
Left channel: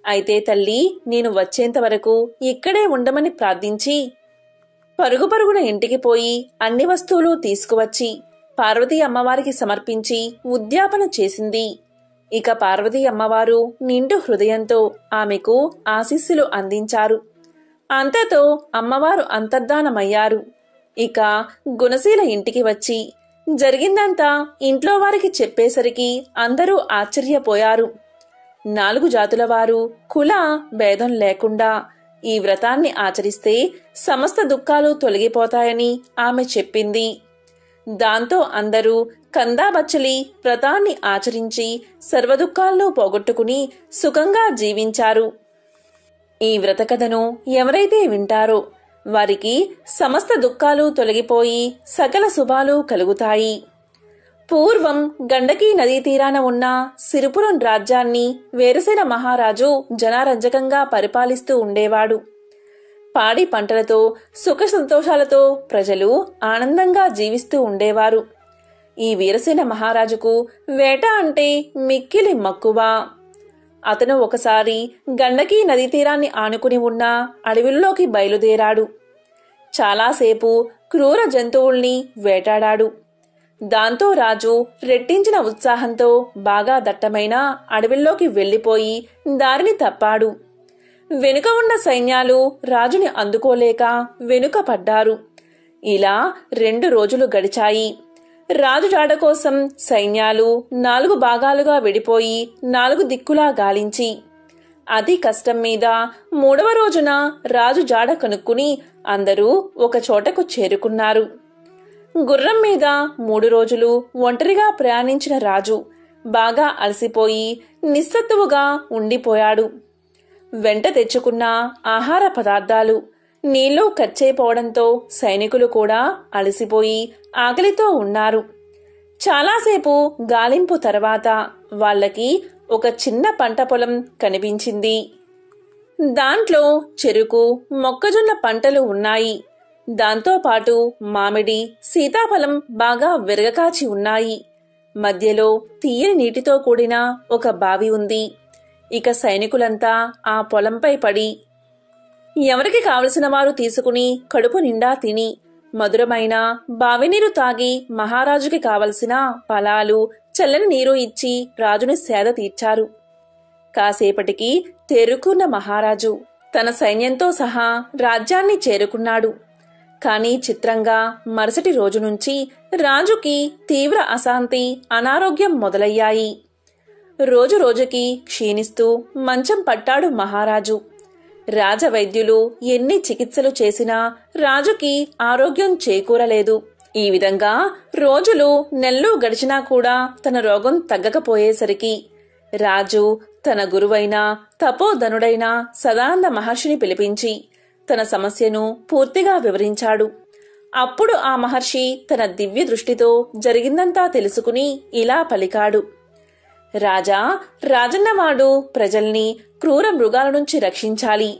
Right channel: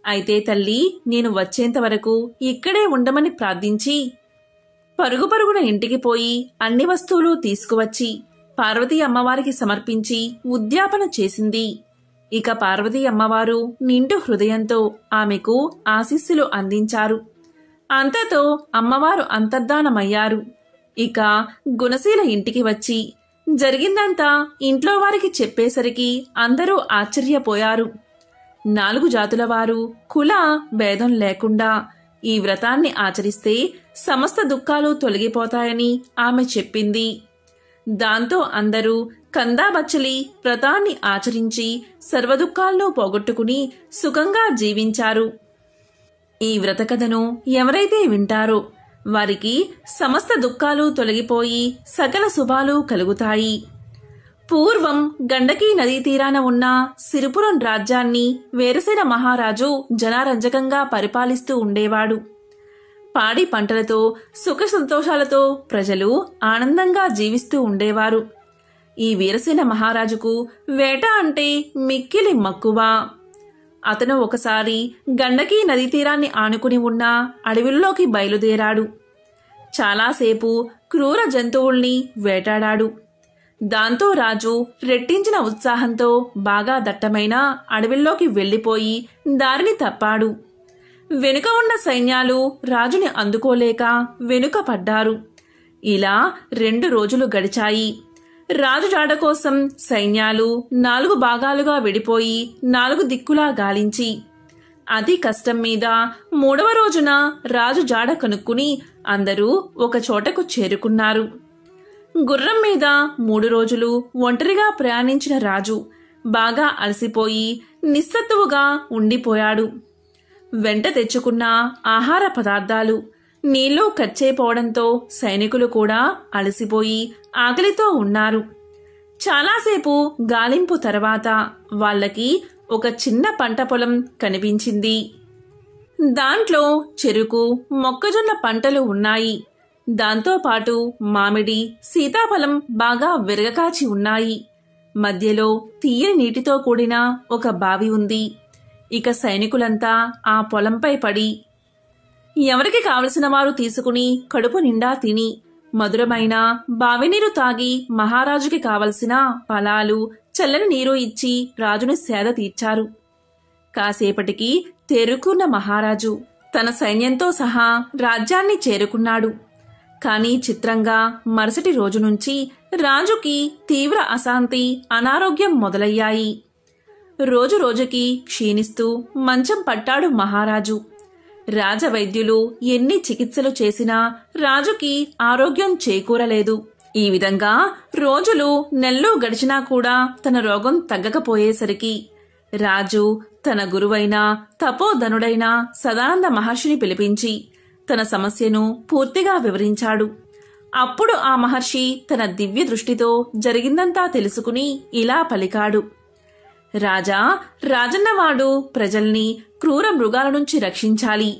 అయితే తల్లి, నేను వచ్చేంత వరకు ఇక్కడే ఉండమని ప్రార్థించి పరుగు పరుగున ఇంటికి పోయి అన్ని వస్తువులు తీసుకువచ్చి పార్వతీ అమ్మవారికి సమర్పించి ఉద్యాపన చేసింది. ఇక పార్వతీ అమ్మవారు నిండు హృదయంతో ఆమెకు ఆశీస్సులు అందించారు. అంతతో అమ్మవారు అంతర్ధానమయ్యారు. ఇక గుణశీల ఇంటికి వచ్చి జరిగిందంతా ఇంట్లో వారికి చెప్పేసరికి అందరూ ఆశ్చర్యపోయారు. 4 జాతుల వారు కుల భేదం లేకుండా ఈ వ్రతాన్ని ఆచరిస్తే సమస్త దుఃఖాలు తొలగిపోతాయని ఆమె చెప్పింది. దాంతో అందరూ కందాబచ్చలి వ్రతాన్ని ఆచరించి సర్వదుఃఖాలను పోగొట్టుకుని సుఖంగా జీవించారు. ఈ వ్రతకథను ఎవరైతే వింటారో వారికి సమస్త దుఃఖాలు తొలగిపోయి సకల శుభాలు కలుగుతాయి. పూర్వం గండకీ నదీ తీరాన ఉన్న సిరిపురం రాజ్యాన్ని వేరసేన మహారాజు జనారంజకంగా పరిపాలిస్తూ ఉండేవాడు. పాడి పంటలతో సుఖ సంతోషాలతో ప్రజలు ఆనందంగా జీవిస్తూ ఉండేవారు. ఈ వీరసేన మహారాజుకు వేట అంటే మిక్కిలి మక్కువ. అతను ఒకసారి గండకీ నదీ తీరాన్ని ఆనుకుని ఉన్న అడవిలోకి బయలుదేరాడు. చాలాసేపు క్రూర జంతువుల్ని వేటాడాడు. దాంతో రాజు రెట్టించిన ఉత్సాహంతో బాగా దట్టమైన అడవిలోకి వెళ్లిపోయి దారిని తప్పాడు. వెనుక ఉన్న సైన్యాలు రాజుని అందుకోలేక వెనుక పడ్డారు. ఇలా 2 రోజులు గడిచాయి. రాజు జాడ కోసం సైన్యాలు 4 భాగాలుగా విడిపోయి 4 దిక్కులా గాలించి అతి కష్టం మీద 3వ రోజున రాజు జాడ కనుక్కుని అందరూ ఒక చోటకు చేరుకున్నారు. గుర్రం మీద 3 రోజులు ఒంటరిగా ప్రయాణించిన రాజు బాగా అలసిపోయి నిస్సత్తువుగా ఉండిపోయాడు. వెంట తెచ్చుకున్న ఆహార పదార్థాలు నీళ్లు ఖర్చయిపోవడంతో సైనికులు కూడా అలసిపోయి ఆకలితో ఉన్నారు. చాలాసేపు గాలింపు తర్వాత వాళ్లకి ఒక చిన్న పంట పొలం కనిపించింది. దాంట్లో చెరుకు, మొక్కజొన్న పంటలు ఉన్నాయి. దాంతోపాటు మామిడి, సీతాఫలం బాగా విరగకాచి ఉన్నాయి. మధ్యలో తీయని నీటితో కూడిన ఒక బావి ఉంది. ఇక సైనికులంతా ఆ పొలంపై పడి ఎవరికి కావలసిన వారు తీసుకుని కడుపు నిండా తిని మధురమైన బావినీరు తాగి మహారాజుకి కావలసిన ఫలాలు చల్లని నీరు ఇచ్చి రాజును సేద తీర్చారు. కాసేపటికి తేరుకున్న మహారాజు తన సైన్యంతో సహా రాజ్యాన్ని చేరుకున్నాడు. కాని చిత్రంగా మరుసటి రోజు నుంచి రాజుకి తీవ్ర అశాంతి, అనారోగ్యం మొదలయ్యాయి. రోజురోజుకి క్షీణిస్తూ మంచం పట్టాడు మహారాజు. రాజవైద్యులు ఎన్ని చికిత్సలు చేసినా రాజుకి ఆరోగ్యం చేకూరలేదు. ఈ విధంగా రోజులు నెలలు గడిచినా కూడా తన రోగం తగ్గకపోయేసరికి రాజు తన గురువైన తపోధనుడైన సదానంద మహర్షిని పిలిపించి తన సమస్యను పూర్తిగా వివరించాడు. అప్పుడు ఆ మహర్షి తన దివ్య దృష్టితో జరిగిందంతా తెలుసుకుని ఇలా పలికాడు. రాజా, రాజన్నవాడు ప్రజల్ని క్రూర మృగాల నుంచి రక్షించాలి.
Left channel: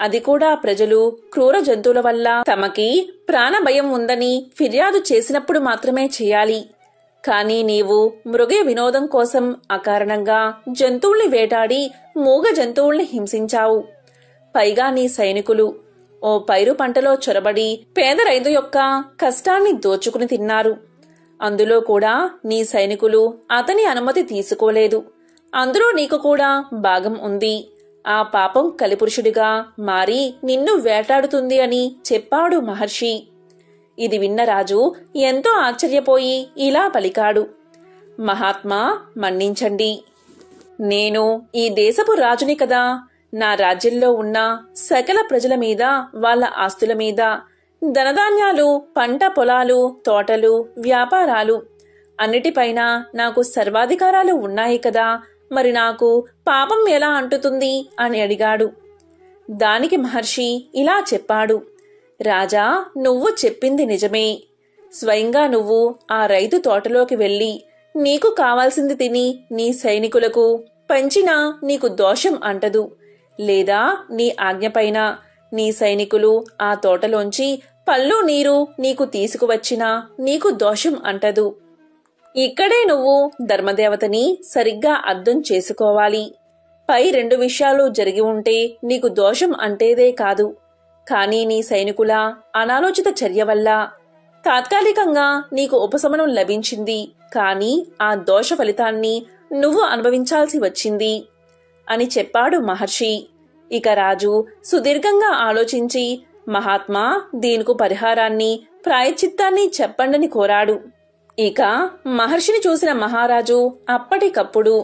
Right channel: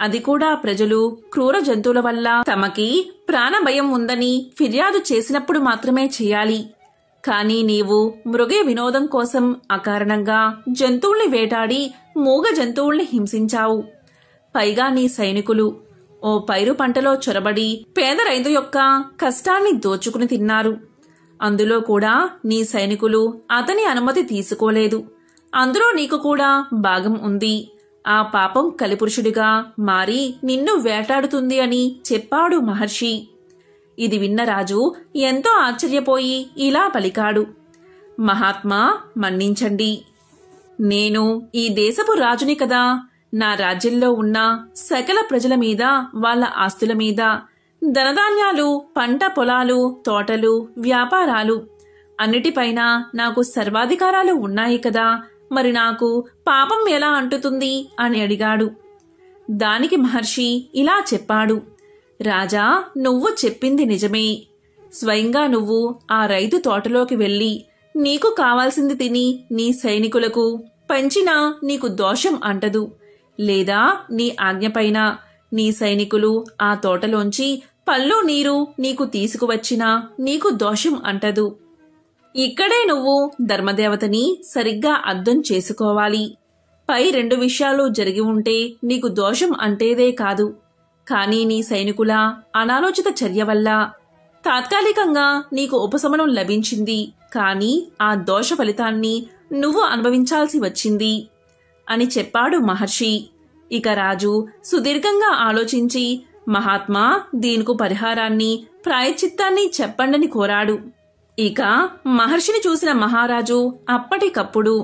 అది కూడా ప్రజలు క్రూర జంతువుల వల్ల తమకి ప్రాణభయం ఉందని ఫిర్యాదు చేసినప్పుడు మాత్రమే చేయాలి. కాని నీవు మృగ వినోదం కోసం అకారణంగా జంతువుల్ని వేటాడి మూగ జంతువుల్ని హింసించావు. పైగా నీ సైనికులు ఓ పైరు పంటలో చొరబడి పేద రైతు యొక్క కష్టాన్ని దోచుకుని తిన్నారు. అందులో కూడా నీ సైనికులు అతని అనుమతి తీసుకోలేదు. అందులో నీకు కూడా భాగం ఉంది. ఆ పాపం కలిపురుషుడిగా మారి నిన్ను వేటాడుతుంది అని చెప్పాడు మహర్షి. ఇది విన్న రాజు ఎంతో ఆశ్చర్యపోయి ఇలా పలికాడు. మహాత్మా, మన్నించండి. నేను ఈ దేశపు రాజుని కదా. నా రాజ్యంలో ఉన్న సకల ప్రజల మీద, వాళ్ళ ఆస్తుల మీద, ధనధాన్యాలు, పంట పొలాలు, తోటలు, వ్యాపారాలు అన్నిటిపైన నాకు సర్వాధికారాలు ఉన్నాయి కదా. మరి నాకు పాపం ఎలా అంటుతుంది అని అడిగాడు. దానికి మహర్షి ఇలా చెప్పాడు. రాజా, నువ్వు చెప్పింది నిజమే. స్వయంగా నువ్వు ఆ రైతు తోటలోకి వెళ్లి నీకు కావాల్సింది తిని నీ సైనికులకు పంచినా నీకు దోషం అంటదు. లేదా నీ ఆజ్ఞపైన నీ సైనికులు ఆ తోటలోంచి పళ్ళు నీరు నీకు తీసుకువచ్చినా నీకు దోషం అంటదు. ఇక్కడే నువ్వు ధర్మదేవతని సరిగ్గా అర్థం చేసుకోవాలి. పై రెండు విషయాలు జరిగి ఉంటే నీకు దోషం అంటేదే కాదు. కానీ నీ సైనికుల అనాలోచిత చర్య వల్ల తాత్కాలికంగా నీకు ఉపశమనం లభించింది. కానీ ఆ దోష ఫలితాన్ని నువ్వు అనుభవించాల్సి వచ్చింది అని చెప్పాడు మహర్షి. ఇక రాజు సుదీర్ఘంగా ఆలోచించి, మహాత్మా, దీనికి పరిహారాన్ని, ప్రాయశ్చిత్తాన్ని చెప్పండని కోరాడు. ఇక మహర్షిని చూసిన మహారాజు అప్పటికప్పుడు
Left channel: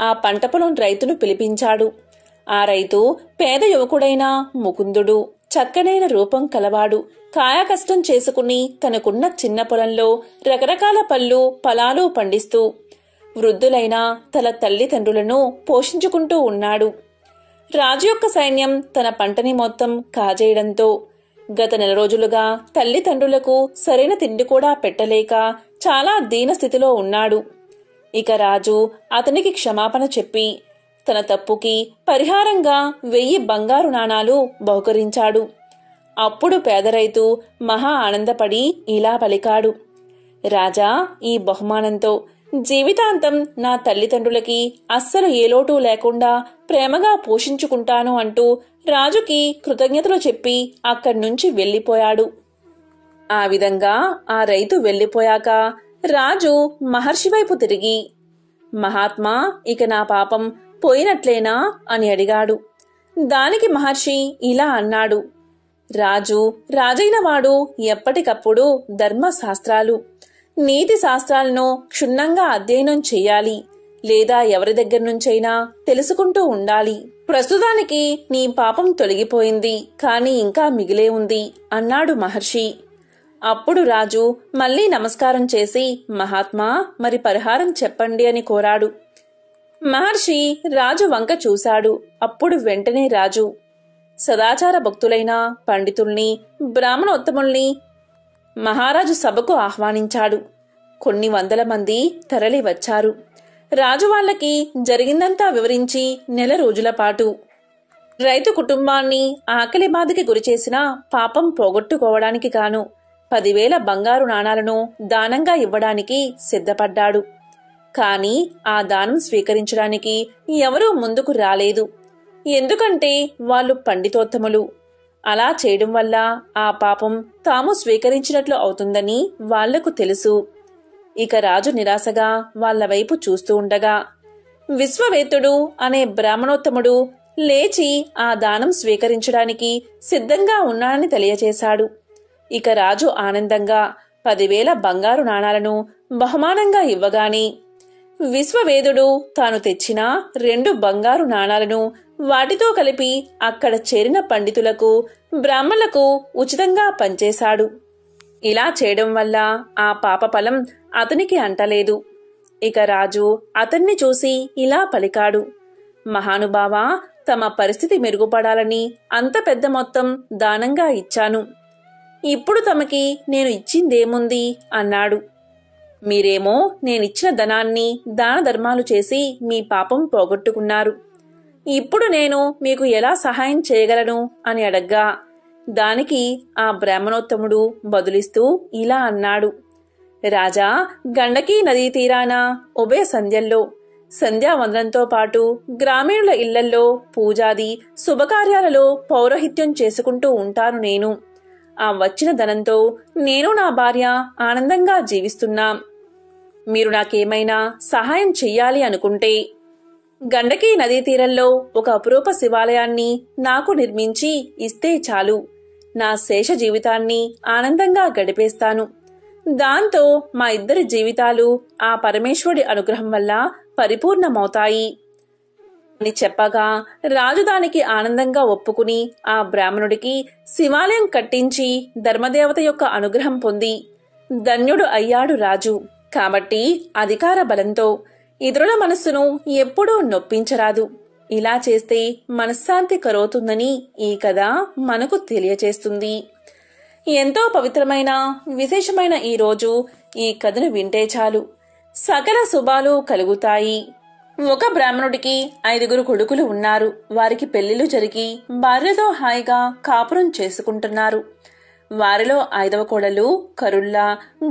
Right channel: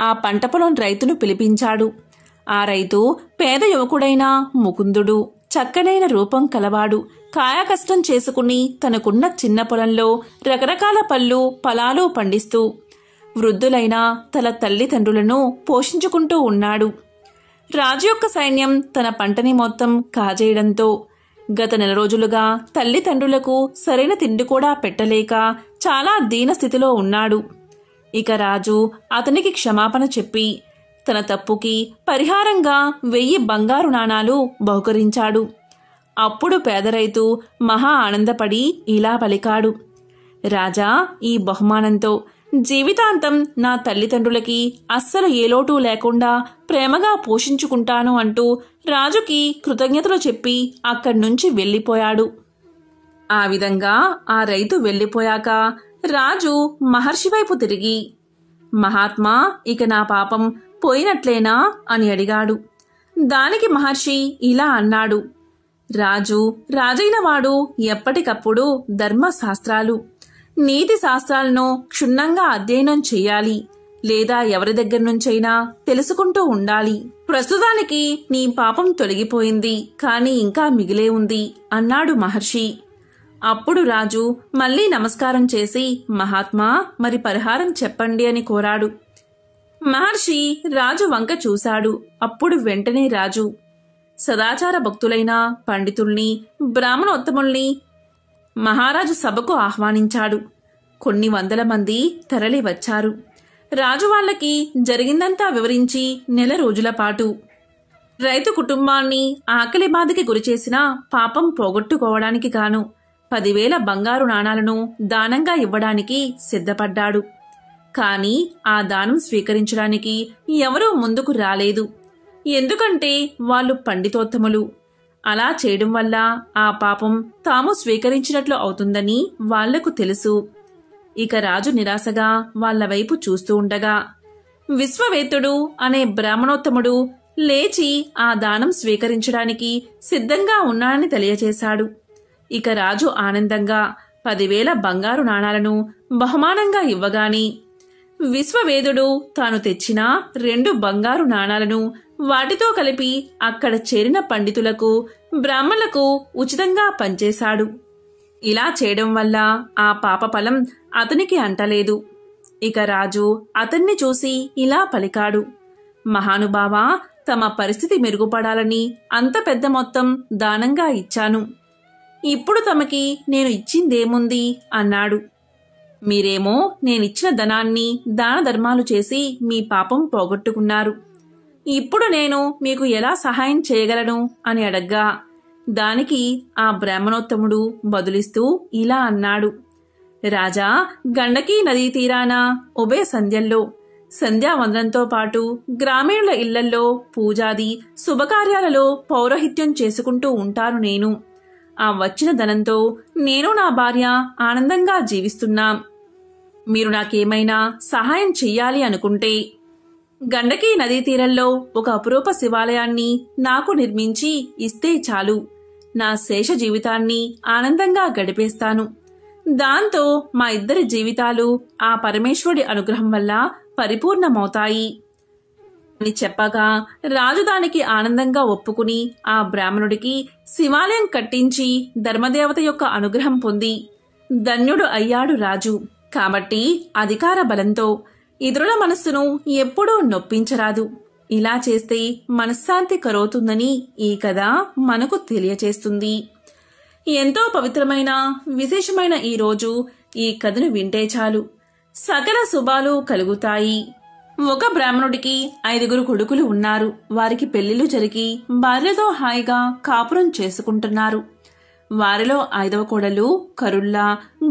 ఆ పంట పొలం రైతును పిలిపించాడు. ఆ రైతు పేద యువకుడైన ముకుందుడు. చక్కనైన రూపం కలవాడు. కాయకష్టం చేసుకుని తనకున్న చిన్న పొలంలో రకరకాల పళ్ళు, ఫలాలు పండిస్తూ వృద్ధులైన తన తల్లిదండ్రులను పోషించుకుంటూ ఉన్నాడు. రాజు యొక్క సైన్యం తన పంటని మొత్తం కాజేయడంతో గత నెల రోజులుగా తల్లిదండ్రులకు సరైన తిండి కూడా పెట్టలేక చాలా దీనస్థితిలో ఉన్నాడు. ఇక రాజు అతనికి క్షమాపణ చెప్పి తన తప్పుకి పరిహారంగా 1000 బంగారు నాణాలు బహుకరించాడు. అప్పుడు పేద రైతు మహా ఆనందపడి ఇలా పలికాడు. రాజా, ఈ బహుమానంతో జీవితాంతం నా తల్లిదండ్రులకి అస్సలు ఏ లోటు లేకుండా ప్రేమగా పోషించుకుంటాను అంటూ రాజుకి కృతజ్ఞతలు చెప్పి అక్కడ్నుంచి వెళ్లిపోయాడు. ఆ విధంగా ఆ రైతు వెళ్లిపోయాక రాజు మహర్షి వైపు తిరిగి, మహాత్మా, ఇక నా పాపం పోయినట్లేనా అని అడిగాడు. దానికి మహర్షి ఇలా అన్నాడు. రాజు రాజైన వాడు ఎప్పటికప్పుడు ధర్మశాస్త్రాలు, నీతి శాస్త్రాలను క్షుణ్ణంగా అధ్యయనం చెయ్యాలి. లేదా ఎవరి దగ్గర నుంచైనా తెలుసుకుంటూ ఉండాలి. ప్రస్తుతానికి నీ పాపం తొలగిపోయింది, కాని ఇంకా మిగిలే ఉంది అన్నాడు మహర్షి. అప్పుడు రాజు మళ్లీ నమస్కారం చేసి, మహాత్మా, మరి పరిహారం చెప్పండి అని కోరాడు. మహర్షి రాజు వంక చూశాడు. అప్పుడు వెంటనే రాజు సదాచార భక్తులైన పండితుల్ని, బ్రాహ్మణోత్తముల్ని మహారాజు సభకు ఆహ్వానించాడు. కొన్ని వందల మంది తరలి వచ్చారు. రాజు వాళ్లకి జరిగిందంతా వివరించి నెల రోజుల పాటు రైతు కుటుంబాన్ని ఆకలి బాధకి గురిచేసిన పాపం పోగొట్టుకోవడానికి గాను 10,000 బంగారు నాణాలను దానంగా ఇవ్వడానికి సిద్ధపడ్డాడు. కాని ఆ దానం స్వీకరించడానికి ఎవరూ ముందుకు రాలేదు. ఎందుకంటే వాళ్ళు పండితోత్తములు. అలా చేయడం వల్ల ఆ పాపం తాము స్వీకరించినట్లు అవుతుందని వాళ్లకు తెలుసు. ఇక రాజు నిరాశగా వాళ్ల వైపు చూస్తూ ఉండగా విశ్వవేత్తుడు అనే బ్రాహ్మణోత్తముడు లేచి ఆ దానం స్వీకరించడానికి సిద్ధంగా ఉన్నాడని తెలియచేశాడు. ఇక రాజు ఆనందంగా 10,000 బంగారు నాణాలను బహుమానంగా ఇవ్వగాని విశ్వవేదుడు తాను తెచ్చిన 2 బంగారు నాణాలను వాటితో కలిపి అక్కడ చేరిన పండితులకు, బ్రాహ్మణులకు ఉచితంగా పంచేశాడు. ఇలా చేయడం వల్ల ఆ పాప ఫలం అతనికి అంటలేదు. ఇక రాజు అతన్ని చూసి ఇలా పలికాడు, మహానుభావా, తమ పరిస్థితి మెరుగుపడాలని అంత పెద్ద మొత్తం దానంగా ఇచ్చాను. ఇప్పుడు తమకి నేను ఇచ్చిందేముంది అన్నాడు. మీరేమో నేనిచ్చిన ధనాన్ని దాన ధర్మాలు చేసి మీ పాపం పోగొట్టుకున్నారు. ఇప్పుడు నేను మీకు ఎలా సహాయం చేయగలను అని అడగ్గా దానికి ఆ బ్రాహ్మణోత్తముడు బదులిస్తూ ఇలా అన్నాడు, రాజా, గండకీ నదీ తీరాన ఉభయ సంధ్యల్లో సంధ్యావందనంతో పాటు గ్రామీణుల ఇళ్లల్లో పూజాది శుభకార్యాలలో పౌరోహిత్యం చేసుకుంటూ ఉంటాను నేను. ఆ వచ్చిన ధనంతో నేను నా భార్య ఆనందంగా జీవిస్తున్నాం. మీరు నాకేమైనా సహాయం చెయ్యాలి అనుకుంటే గండకీ నదీ తీరంలో ఒక అపురూప శివాలయాన్ని నాకు నిర్మించి ఇస్తే చాలు. నా శేష జీవితాన్ని ఆనందంగా గడిపేస్తాను. దాంతో మా ఇద్దరి జీవితాలు ఆ పరమేశ్వరుడి అనుగ్రహం వల్ల పరిపూర్ణమవుతాయి అని చెప్పగా రాజు దానికి ఆనందంగా ఒప్పుకుని ఆ బ్రాహ్మణుడికి శివాలయం కట్టించి ధర్మదేవత యొక్క అనుగ్రహం పొంది ధన్యుడు అయ్యాడు రాజు. కాబట్టి అధికార బలంతో ఇతరుల మనస్సును ఎప్పుడూ నొప్పించరాదు. ఇలా చేస్తే మనశ్శాంతి కరువుతుందని ఈ కథ మనకు తెలియచేస్తుంది. ఎంతో పవిత్రమైన విశేషమైన ఈ రోజు ఈ కథను వింటే చాలు సకల శుభాలు కలుగుతాయి. ఒక బ్రాహ్మణుడికి 5 కొడుకులు ఉన్నారు. వారికి పెళ్లిళ్లు జరిగి భార్యతో హాయిగా కాపురం చేసుకుంటున్నారు. వారిలో 5వ కోడలు కరుల్లా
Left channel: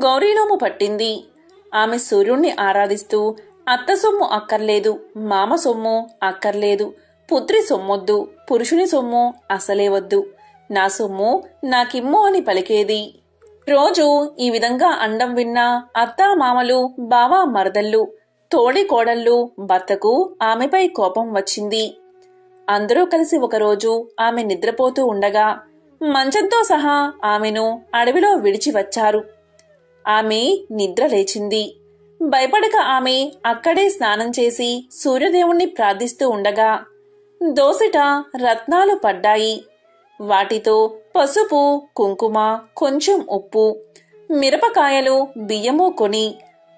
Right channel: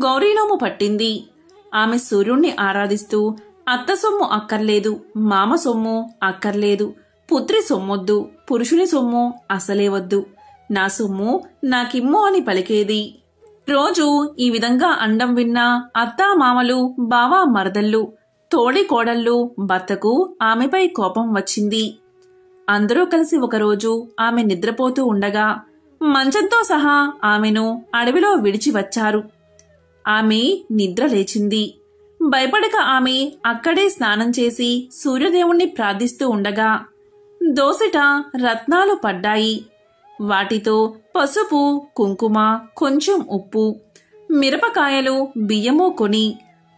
గౌరీనోము పట్టింది. ఆమె సూర్యుణ్ణి ఆరాధిస్తూ అత్త సొమ్ము అక్కర్లేదు, మామ సొమ్ము అక్కర్లేదు, పుత్రి సొమ్మొద్దు, పురుషుని సొమ్ము అసలే వద్దు, నా సొమ్ము నాకిమ్ము అని పలికేది. రోజు ఈ విధంగా అండం విన్న అత్తా మామలు, బావా మరదళ్ళు, తోడి కోడళ్ళు భర్తకు ఆమెపై కోపం వచ్చింది. అందరూ కలిసి ఒకరోజు ఆమె నిద్రపోతూ ఉండగా మంచంతో సహా ఆమెను అడవిలో విడిచి వచ్చారు. ఆమె నిద్ర లేచింది. భయపడక ఆమె అక్కడే స్నానం చేసి సూర్యదేవుణ్ణి ప్రార్థిస్తూ ఉండగా దోసిట రత్నాలు పడ్డాయి. వాటితో పసుపు, కుంకుమ, కొంచెం ఉప్పు, మిరపకాయలు, బియ్యము కొని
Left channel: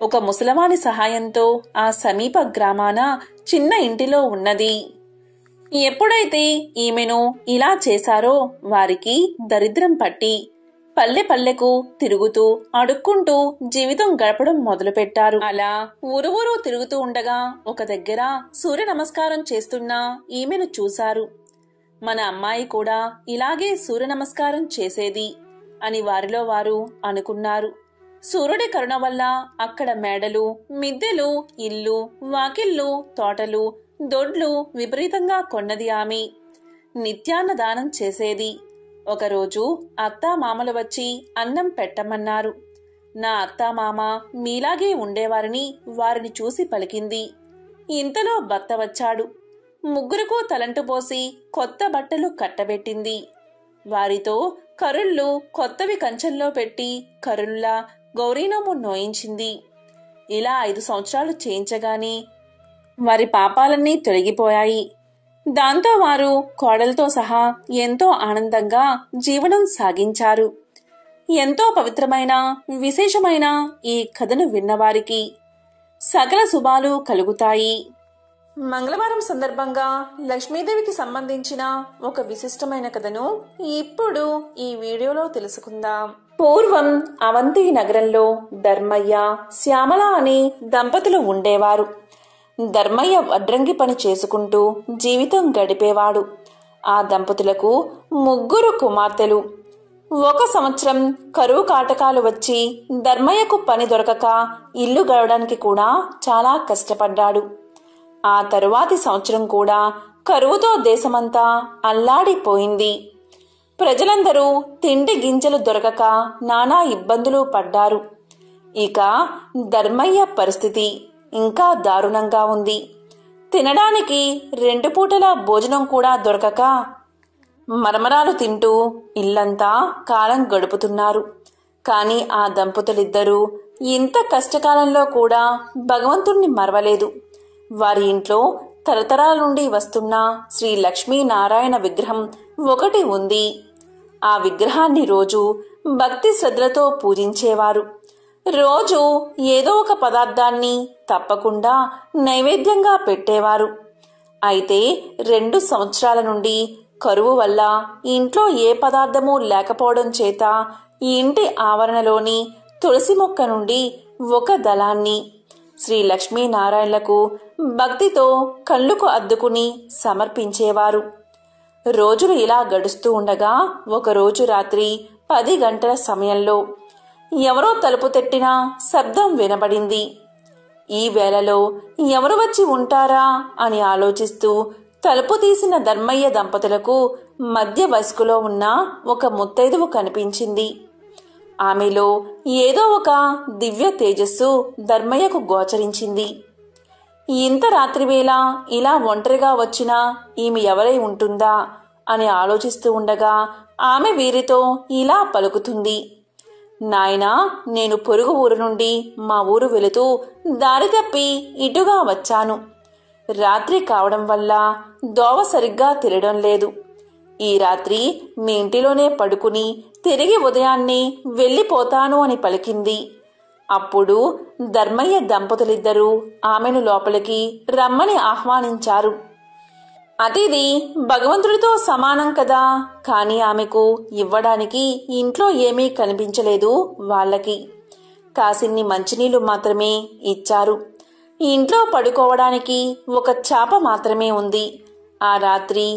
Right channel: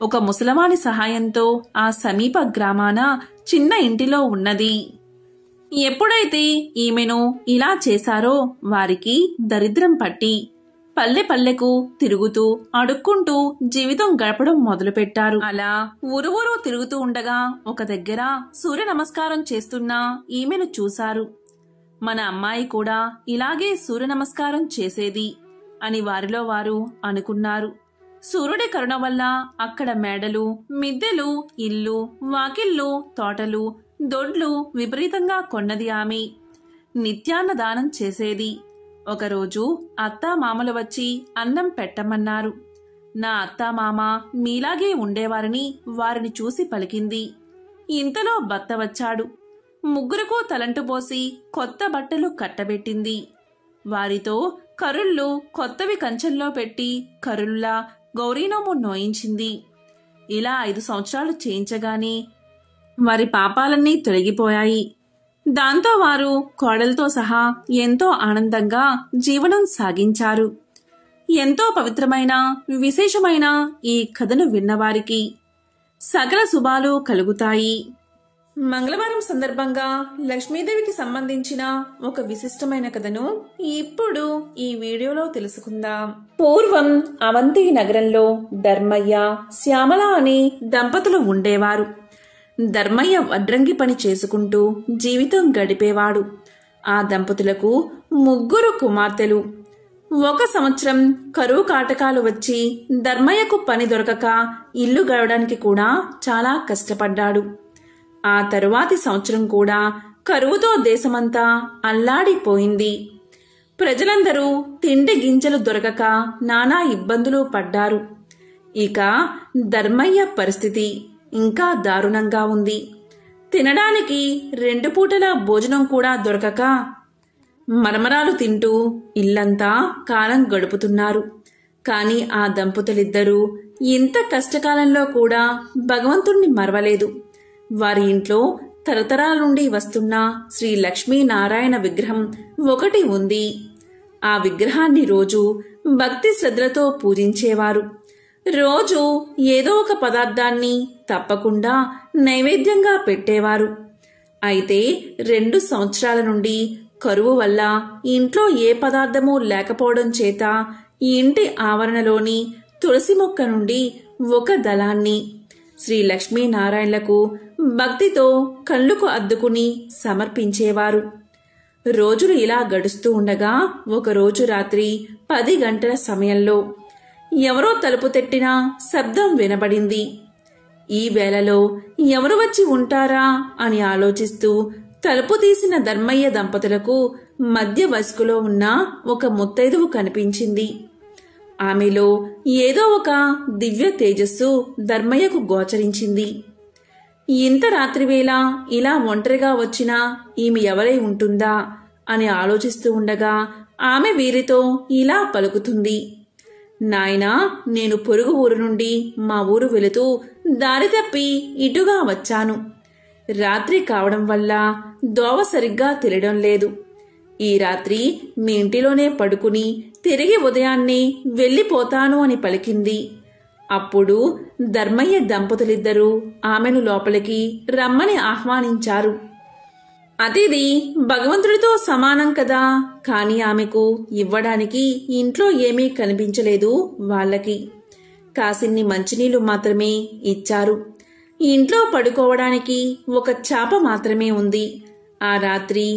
ఒక ముసలవాని సహాయంతో ఆ సమీప గ్రామాన చిన్న ఇంటిలో ఉన్నది. ఎప్పుడైతే ఈమెను ఇలా చేశారో వారికి దరిద్రం పట్టి పల్లె పల్లెకు తిరుగుతూ అడుక్కుంటూ జీవితం గడపడం మొదలుపెట్టారు. అలా ఊరు తిరుగుతూ ఉండగా ఒక దగ్గర సూర్య నమస్కారం చేస్తున్న ఈమెను చూశారు. మన అమ్మాయి కూడా ఇలాగే సూర్య నమస్కారం చేసేది అని వారిలో వారు అనుకున్నారు. సూర్యుడి కరుణ వల్ల అక్కడ మేడలు, మిద్దెలు, ఇల్లు, వాకిళ్ళు, తోటలు, దొడ్లు విపరీతంగా కొన్నది ఆమె. నిత్యాన్నదానం చేసేది. ఒకరోజు అత్తామామలు వచ్చి అన్నం పెట్టమన్నారు. నా అత్తామామ మీలాగే ఉండేవారని వారిని చూసి పలికింది. ఇంతలో భర్త వచ్చాడు. ముగ్గురుకు తలంటు పోసి కొత్త బట్టలు కట్టబెట్టింది. వారితో కరుళ్ళు కొత్తవి కంచెంలో పెట్టి కరుల్లా గౌరీనోము నోయించింది. ఇలా 5 సంవత్సరాలు చేయించగానే వారి పాపాలన్నీ తొలగిపోయాయి. దాంతో వారు కోడలతో సహా ఎంతో ఆనందంగా జీవనం సాగించారు. ఎంతో పవిత్రమైన విశేషమైన ఈ కథను విన్నవారికి సకల శుభాలు కలుగుతాయి. మంగళవారం సందర్భంగా లక్ష్మీదేవికి సంబంధించిన ఒక విశిష్టమైన కథను ఇప్పుడు ఈ వీడియోలో తెలుసుకుందాం. పూర్వం అవంతి నగరంలో ధర్మయ్య, శ్యామల అనే దంపతులు ఉండేవారు. ధర్మయ్య వడ్రంగి పని చేసుకుంటూ జీవితం గడిపేవాడు. ఆ దంపతులకు 3 కుమార్తెలు. ఒక సంవత్సరం కరువు కాటకాలు వచ్చి ధర్మయ్యకు పని దొరకక ఇల్లు గడవడానికి కూడా చాలా కష్టపడ్డాడు. ఆ తరువాతి సంవత్సరం కూడా కరువుతో దేశమంతా అల్లాడిపోయింది. ప్రజలందరూ తిండి గింజలు దొరకక నానా ఇబ్బందులు పడ్డారు. ఇక ధర్మయ్య పరిస్థితి ఇంకా దారుణంగా ఉంది. తినడానికి 2 పూటల భోజనం కూడా దొరకక మరమరాలు తింటూ ఇల్లంతా కాలం గడుపుతున్నారు. కాని ఆ దంపతులిద్దరూ ఇంత కష్టకాలంలో కూడా భగవంతుణ్ణి మరవలేదు. వారి ఇంట్లో తరతరాల నుండి వస్తున్న శ్రీ లక్ష్మీనారాయణ విగ్రహం ఒకటి ఉంది. ఆ విగ్రహాన్ని రోజు భక్తి శ్రద్ధలతో పూజించేవారు. రోజు ఏదో ఒక పదార్థాన్ని తప్పకుండా నైవేద్యంగా పెట్టేవారు. అయితే 2 సంవత్సరాల నుండి కరువు వల్ల ఇంట్లో ఏ పదార్థమూ లేకపోవడం చేత ఈ ఇంటి ఆవరణలోని తులసి మొక్క నుండి ఒక దళాన్ని శ్రీ లక్ష్మీనారాయణలకు భక్తితో కళ్ళుకు అద్దుకుని సమర్పించేవారు. రోజులు ఇలా గడుస్తూ ఉండగా ఒకరోజు రాత్రి 10 గంటల సమయంలో ఎవరో తలుపు తట్టిన శబ్దం వినబడింది. ఈ వేళలో ఎవరు వచ్చి ఉంటారా అని ఆలోచిస్తూ తలుపు తీసిన ధర్మయ్య దంపతులకు మధ్య వయస్కులో ఉన్న ఒక ముత్తైదువు కనిపించింది. ఆమెలో ఏదో ఒక దివ్య తేజస్సు ధర్మయ్యకు గోచరించింది. ఇంత రాత్రివేళ ఇలా ఒంటరిగా వచ్చినా ఈమె ఎవరై ఉంటుందా అని ఆలోచిస్తూ ఉండగా ఆమె వీరితో ఇలా పలుకుతుంది. నాయనా, నేను పొరుగు ఊరు నుండి మా ఊరు వెళుతూ దారి తప్పి ఇటుగా వచ్చాను. రాత్రి కావడం వల్ల దోవ సరిగ్గా తెలియడం లేదు. ఈ రాత్రి మీ ఇంటిలోనే పడుకుని తిరిగి ఉదయాన్నే వెళ్ళిపోతాను అని పలికింది. అప్పుడు ధర్మయ్య దంపతులిద్దరూ ఆమెను లోపలికి రమ్మని ఆహ్వానించారు. అతిథి భగవంతుడితో సమానం కదా, కాని ఆమెకు ఇవ్వడానికి ఇంట్లో ఏమీ కనిపించలేదు. వాళ్ళకి కాసిన్ని మంచినీళ్లు మాత్రమే ఇచ్చారు. ఇంట్లో పడుకోవడానికి ఒక చాప మాత్రమే ఉంది. ఆ రాత్రి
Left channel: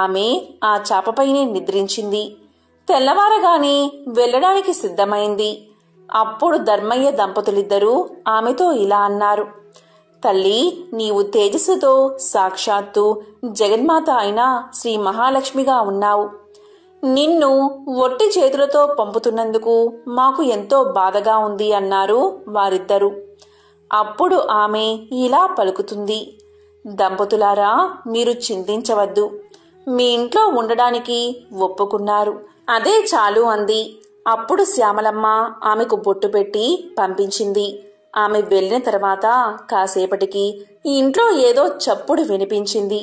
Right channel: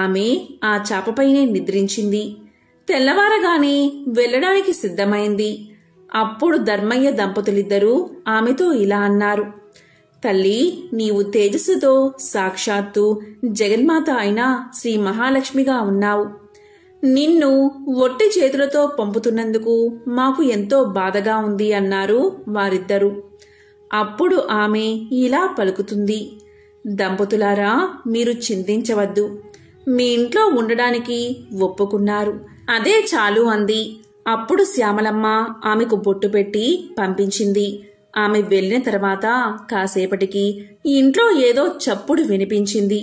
ఆమె ఆ చాపపైనే నిద్రించింది. తెల్లవారగానే వెళ్లడానికి సిద్ధమైంది. అప్పుడు ధర్మయ్య దంపతులిద్దరూ ఆమెతో ఇలా అన్నారు. తల్లి, నీవు తేజస్సుతో సాక్షాత్తు జగన్మాత అయిన శ్రీ మహాలక్ష్మిగా ఉన్నావు. నిన్ను ఒట్టి చేతులతో పంపుతున్నందుకు మాకు ఎంతో బాధగా ఉంది అన్నారు వారిద్దరూ. అప్పుడు ఆమె ఇలా పలుకుతుంది. దంపతులారా, మీరు చింతించవద్దు. మీ ఇంట్లో ఉండడానికి ఒప్పుకున్నారు, అదే చాలు అంది. అప్పుడు శ్యామలమ్మ ఆమెకు బొట్టు పెట్టి పంపించింది. ఆమె వెళ్లిన తర్వాత కాసేపటికి ఇంట్లో ఏదో చప్పుడు వినిపించింది.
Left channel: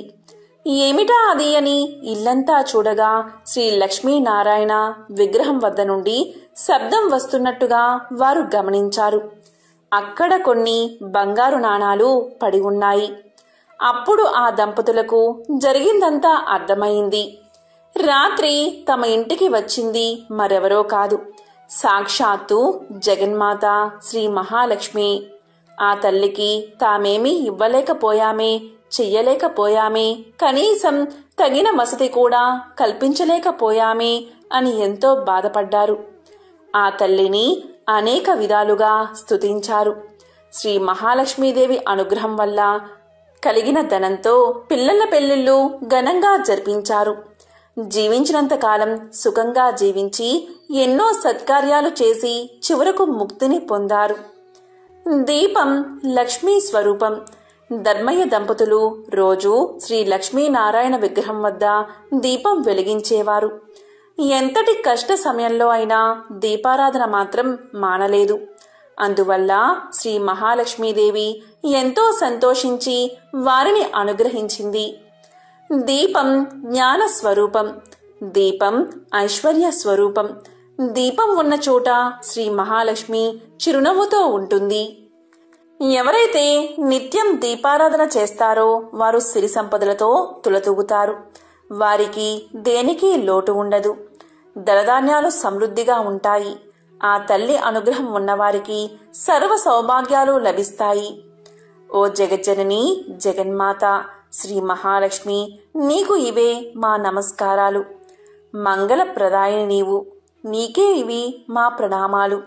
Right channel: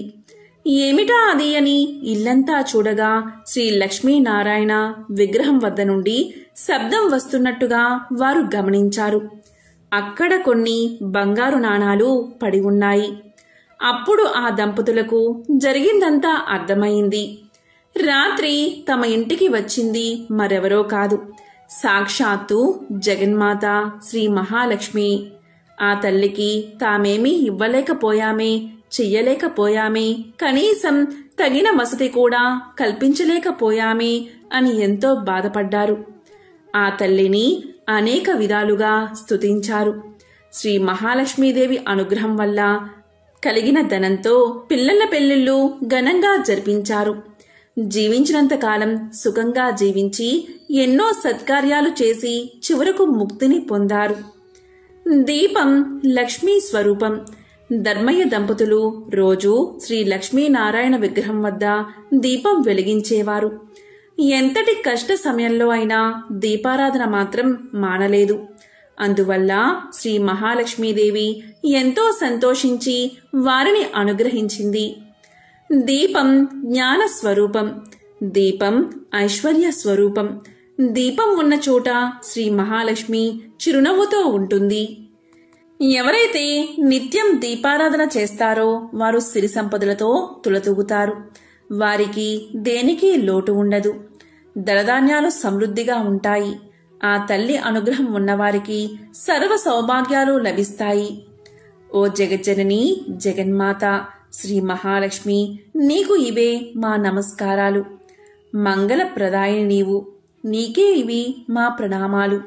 ఏమిటా అది అని ఇల్లంతా చూడగా శ్రీ లక్ష్మీనారాయణ విగ్రహం వద్ద నుండి శబ్దం వస్తున్నట్టుగా వారు గమనించారు. అక్కడ కొన్ని బంగారు నాణాలు పడి ఉన్నాయి. అప్పుడు ఆ దంపతులకు జరిగిందంతా అర్థమైంది. రాత్రి తమ ఇంటికి వచ్చింది మరెవరో కాదు, సాక్షాత్తు జగన్మాత శ్రీ మహాలక్ష్మి. ఆ తల్లికి తామేమీ ఇవ్వలేకపోయామే, చెయ్యలేకపోయామే, కనీసం తగిన వసతి కూడా కల్పించలేకపోయామే అని ఎంతో బాధపడ్డారు. ఆ తల్లిని అనేక విధాలుగా స్తుతించారు. శ్రీ మహాలక్ష్మీదేవి అనుగ్రహం వల్ల కలిగిన ధనంతో పిల్లల పెళ్లిళ్లు ఘనంగా జరిపించారు. జీవించినంతకాలం సుఖంగా జీవించి ఎన్నో సత్కార్యాలు చేసి చివరకు ముక్తిని పొందారు. దీపం లక్ష్మీ స్వరూపం. ధర్మయ్య దంపతులు రోజు శ్రీ లక్ష్మీనారాయణ విగ్రహం వద్ద దీపం వెలిగించేవారు. ఎంతటి కష్ట సమయంలో అయినా దీపారాధన మాత్రం మానలేదు. అందువల్ల శ్రీ మహాలక్ష్మీదేవి ఎంతో సంతోషించి వారిని అనుగ్రహించింది. దీపం జ్ఞాన స్వరూపం, దీపం ఐశ్వర్య స్వరూపం. దీపం ఉన్న చోట శ్రీ మహాలక్ష్మి చిరునవ్వుతో ఉంటుంది. ఎవరైతే నిత్యం దీపారాధన చేస్తారో వారు సిరి సంపదలతో తులతూగుతారు. వారికి దేనికి లోటు ఉండదు. ధనధాన్యాలు సమృద్ధిగా ఉంటాయి. ఆ తల్లి అనుగ్రహం ఉన్నవారికి సర్వ సౌభాగ్యాలు లభిస్తాయి. ఓ జగజ్జనని జగన్మాత శ్రీ మహాలక్ష్మి, నీకు ఇవే మా నమస్కారాలు. మంగళప్రదాయిని నీవు, నీకే ఇవి మా ప్రణామాలు.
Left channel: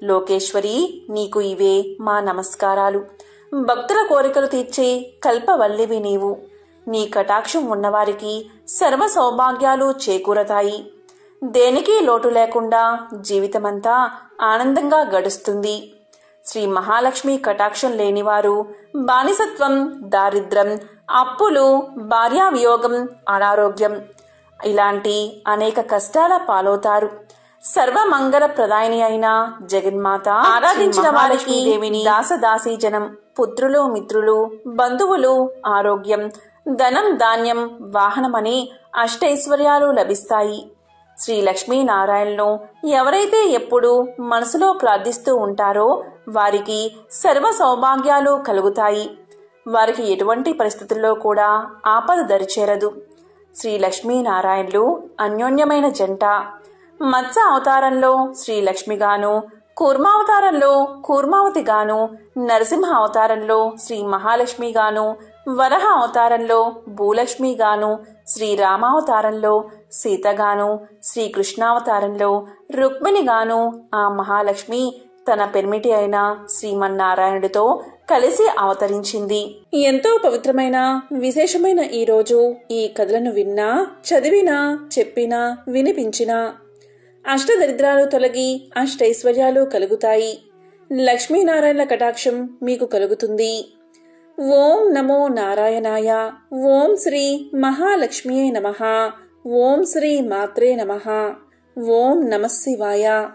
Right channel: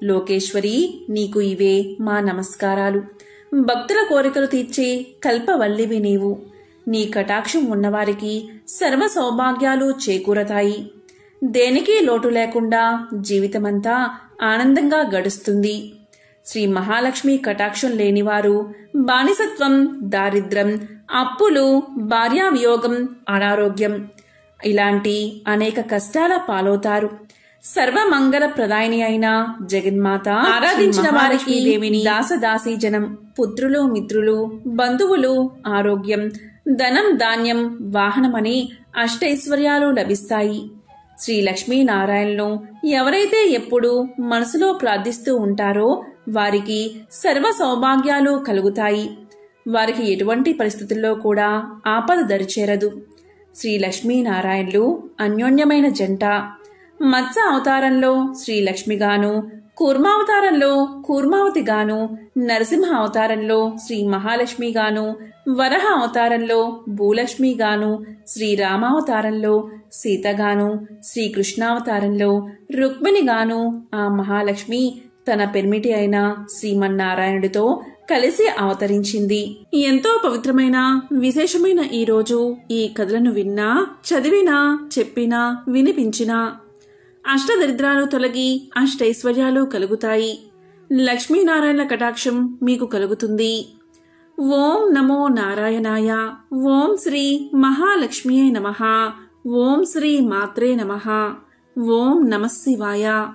లోకేశ్వరి, నీకు ఇవే మా నమస్కారాలు. భక్తుల కోరికలు తీర్చే కల్పవల్లివి నీవు. నీ కటాక్షం ఉన్నవారికి సర్వ సౌభాగ్యాలు చేకూరతాయి. దేనికి లోటు లేకుండా జీవితమంతా ఆనందంగా గడుస్తుంది. శ్రీ మహాలక్ష్మి కటాక్షం లేనివారు బానిసత్వం, దారిద్ర్యం, అప్పులు, భార్యావియోగం, అనారోగ్యం ఇలాంటి అనేక కష్టాల పాలవుతారు. సర్వమంగళ ప్రదాయిని అయిన జగన్మాత ఆరాధించిన వారికి దేవిని దాసదాసీ జనం, పుత్రులు, మిత్రులు, బంధువులు, ఆరోగ్యం, ధనం, ధాన్యం, వాహనమని అష్టైశ్వర్యాలు లభిస్తాయి. శ్రీ లక్ష్మీనారాయణను ఎవరైతే ఎప్పుడూ మనసులో ప్రార్థిస్తూ ఉంటారో వారికి సర్వ సౌభాగ్యాలు కలుగుతాయి. వారికి ఎటువంటి పరిస్థితుల్లో కూడా ఆపద దరిచేరదు. శ్రీ లక్ష్మీనారాయణులు అన్యోన్యమైన జంట. మత్స్య అవతారంలో శ్రీ లక్ష్మిగాను, కూర్మావతారంలో కూర్మావతిగాను, నరసింహ అవతారంలో శ్రీ మహాలక్ష్మిగాను, వరహ అవతారంలో భూలక్ష్మిగాను, శ్రీరామావతారంలో సీతగాను, శ్రీకృష్ణావతారంలో రుక్మిణిగాను ఆ మహాలక్ష్మి తన పెర్మిటి అయిన శ్రీమన్నారాయణుడితో కలిసి అవతరించింది. ఎంతో పవిత్రమైన విశేషమైన ఈ రోజు ఈ కథలను విన్నా, చదివినా, చెప్పినా, వినిపించినా అష్టదరిద్రాలు తొలగి అష్టైశ్వర్యాలు కలుగుతాయి. లక్ష్మీనారాయణల కటాక్షం మీకు కలుగుతుంది. ఓం నమో నారాయణాయ. ఓం శ్రీ మహాలక్ష్మియే నమః. ఓం శ్రీ మాత్రే నమః. ఓం నమః శివాయ.